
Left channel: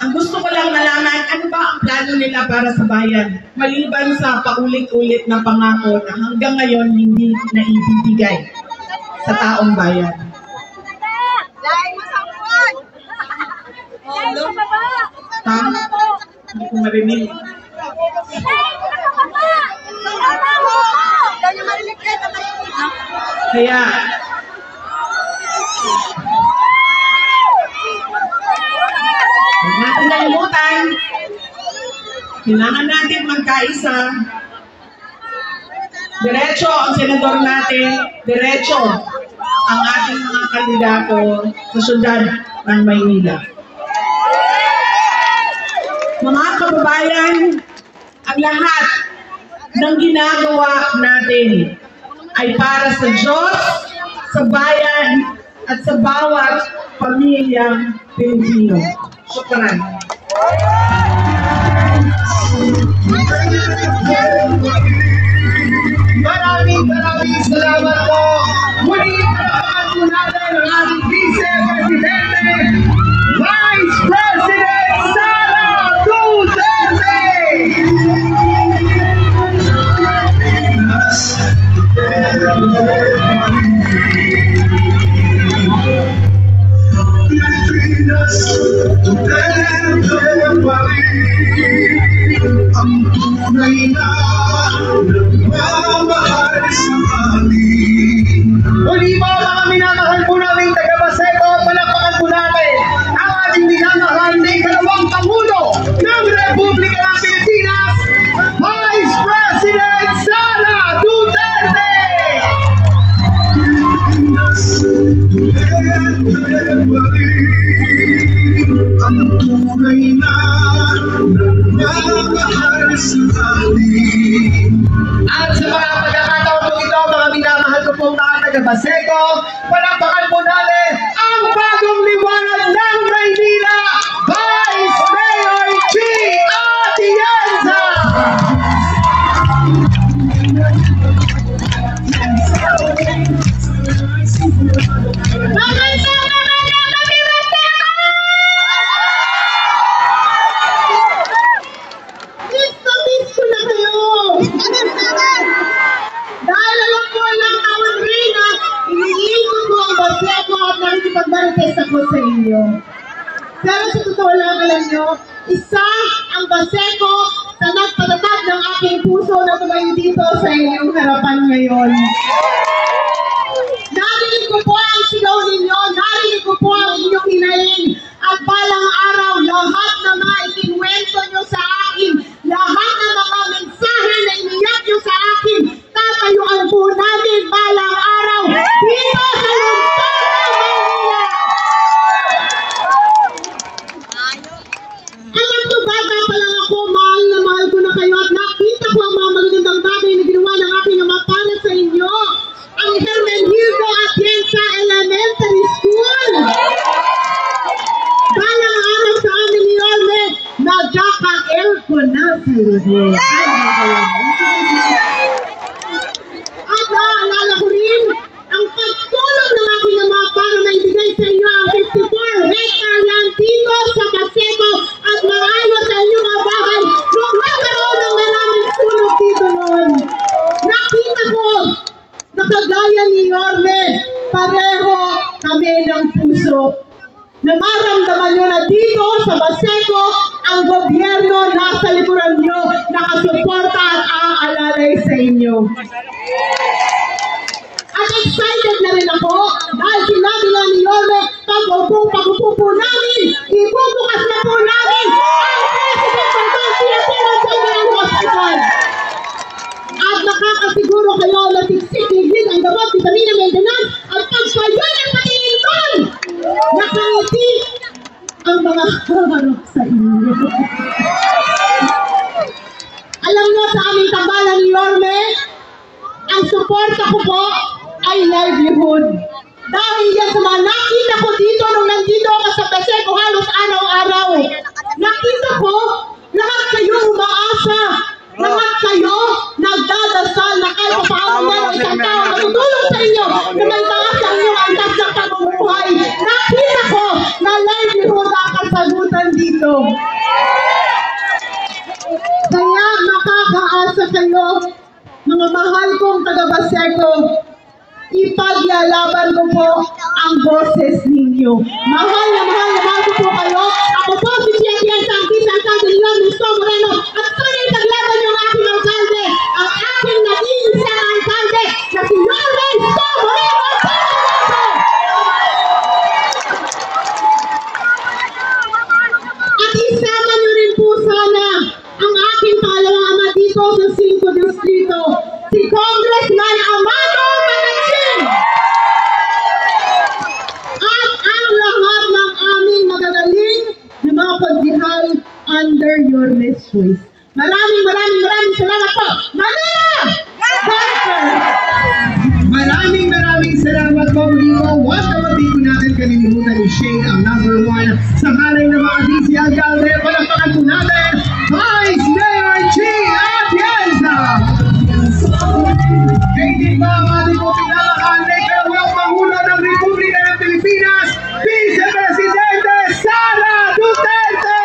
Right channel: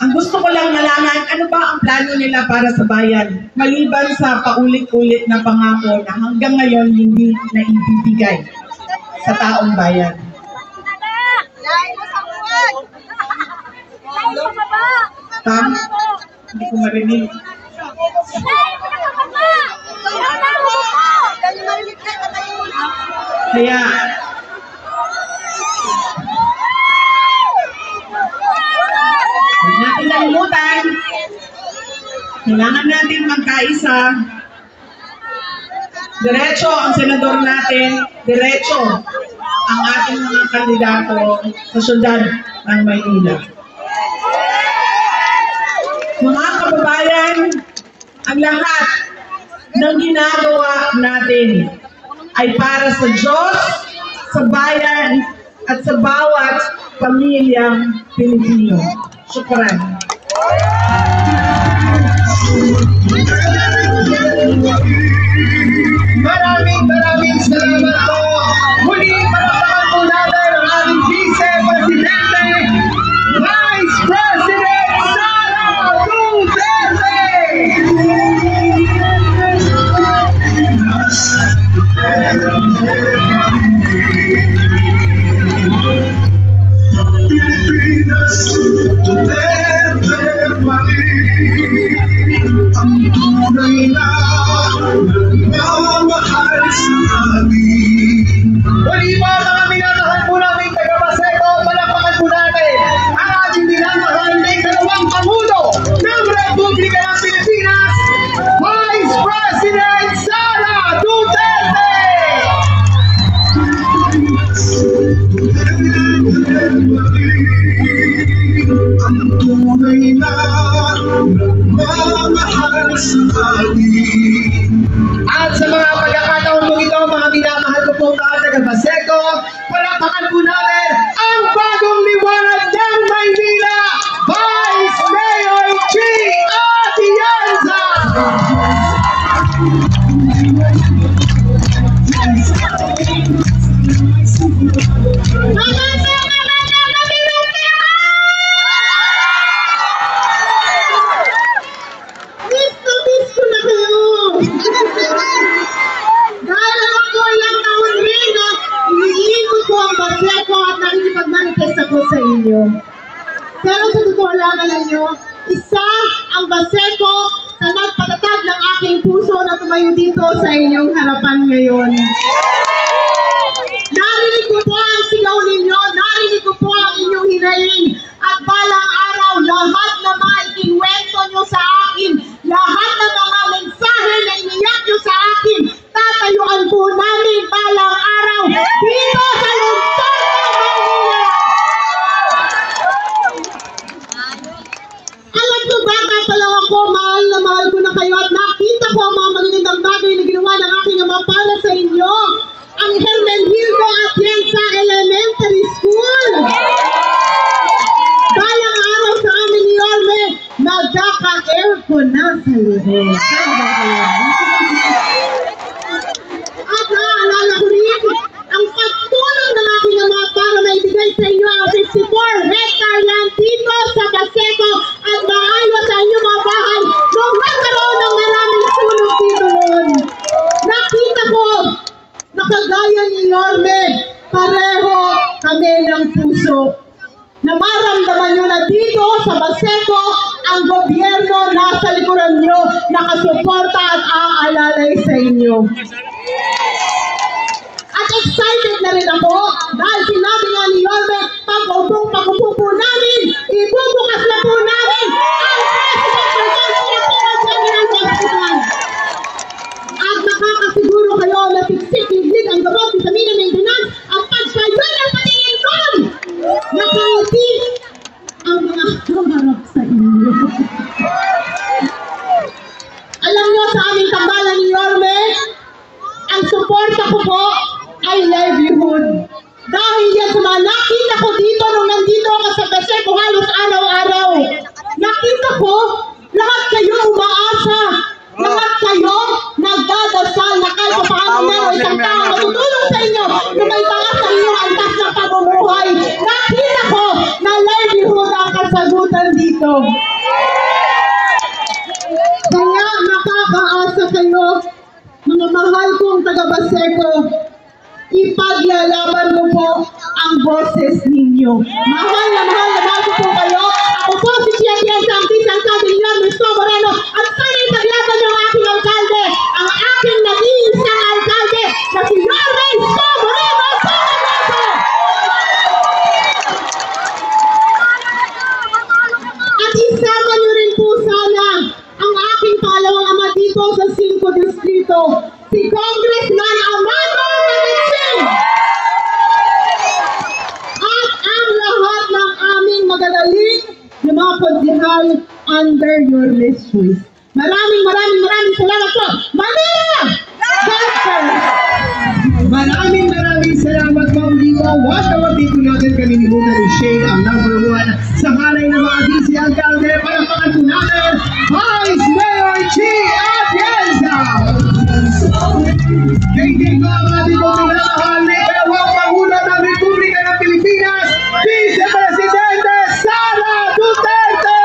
Ang gusto ko lang malaman, ano ba ang plano nila para sa bayan? Maliban sa paulit-ulit na pangako na hanggang ngayon hindi naibibigay sa taong bayan. Tam? Hindi ko marinig. Kaya, huwag natin nalimutan, kailangan natin magkaisa. Diretso ang senador natin, diretso ang ating mga kandidato sa syudad ng Maynila. Mga kababayan, ang lahat ng ginagawa natin ay para sa Diyos, sa bayan, at sa bawat pamilyang Pilipino. Shukran. Maraming salamat po. Muli, palakpakan po natin ang ating Vice Presidente, Vice President Sara Duterte! Pilipinas, Duterte pa rin ang tunay na nagmamahal sa amin. Muli po mga minamahal po namin taga-Baseco, palakpakan po natin ang ating minamahal na ikalawang Pangulo ng Republika ng Pilipinas, Vice President Sara Duterte! Ang tunay na nagmamahal sa atin. At sa mga pagkakataon po ito, mga minamahal ko po mga taga-Baseco, palakpakan po natin ang bagong liwanag ng Maynila, Vice Mayor G. Atienza! Miss ko na kayo! Dahil alam ko ilang taon rin na iniikot ko ang Baseco at nakikipag-marites ako sa inyo. Pero sa totoo lang, alam nyo, isa ang Baseco sa nagpatatag ng aking puso na tumayo dito sa inyong harapan ngayon. Narinig ko po ang sigaw ninyo, narinig ko po ang inyong hinaing, at balang araw, lahat na mga ikinwento nyo sa akin, lahat ng mga mensahe na iniyak nyo sa akin, tatayuan po namin balang araw dito sa lungsod ng Maynila. Alam ko, bata pa lang ako, mahal na mahal ko na kayo at nakita ko ang mga magagandang bagay na ginawa ng aking ama para sa inyo. Ang Hermenegildo Atienza Elementary School. Balang araw sa amin ni Orme, magkaka-aircon na sa luhe. At naalala ko rin ang pagtulong ng aking ama para maibigay na maramdaman nyo na dito sa Baseco, ang gobyerno nasa likuran nyo, nakasuporta at aalalay sa inyo. At excited na rin ako dahil sinabi nga ni Yorme, pag-upo po namin, ibubukas na po namin ang President General Hospital. At nakakasiguro kayo na tiksik-tiglig ang gamot, vitamina, maintenance, ang pagsayon ng patingin doon. Nakangiti ang mga harap sa inyo. Alam nyo, sa aming tambalan ni Yorme, ang suporta ko po ay livelihood. Dahil yan sa mga nakita ko dito nung nandito ako sa Baseco halos araw-araw. Nakita ko, lahat kayo umaasa. Lahat kayo nagdadasal na kahit paano meron isang tao matutulong sa inyo na may taas sa inyong antas ng pamumuhay. Nakita ko na livelihood ang kasagutan dito. Kaya makakaasa kayo, mga mahal kong taga-Baseco, ipaglalaban ko po ang boses ninyo. Mahal na mahal ko po kayo. Ako po si Chia Tienza, ang Tisang Alcalde ni Yorme Isko Moreno. At sana ipaglaban niyo ang aking alkalde, ang aking nag-iisang alkalde na si Yorme Isko Moreno. At isama niyo rin po sana ang aking pangalawang ama dito sa 5 Distrito, si Congressman Amado Manatsing. At ang lahat ng aming magagaling na mga konsihal under your choice. Maraming salamat po. Manila! Maraming salamat po. Muli po, wag-wagin po natin kalilimutan ni Shane ang #1 sa halay ng mga DC Alcalde. Palakpakan po natin, Vice Mayor G. Atienza! Hindi ba ang ating po pinamahal ni Kalawang Pangulo ng Republika ng Pilipinas, Vice Presidente Sara Duterte!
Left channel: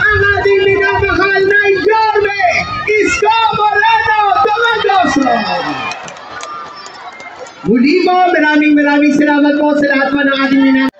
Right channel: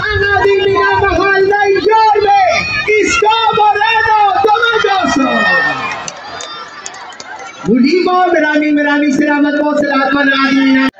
Ang ating pinamahal na Yorme Isko Moreno Domendoso! Muli po, maraming salamat po sa lahat po ng ating minamahal.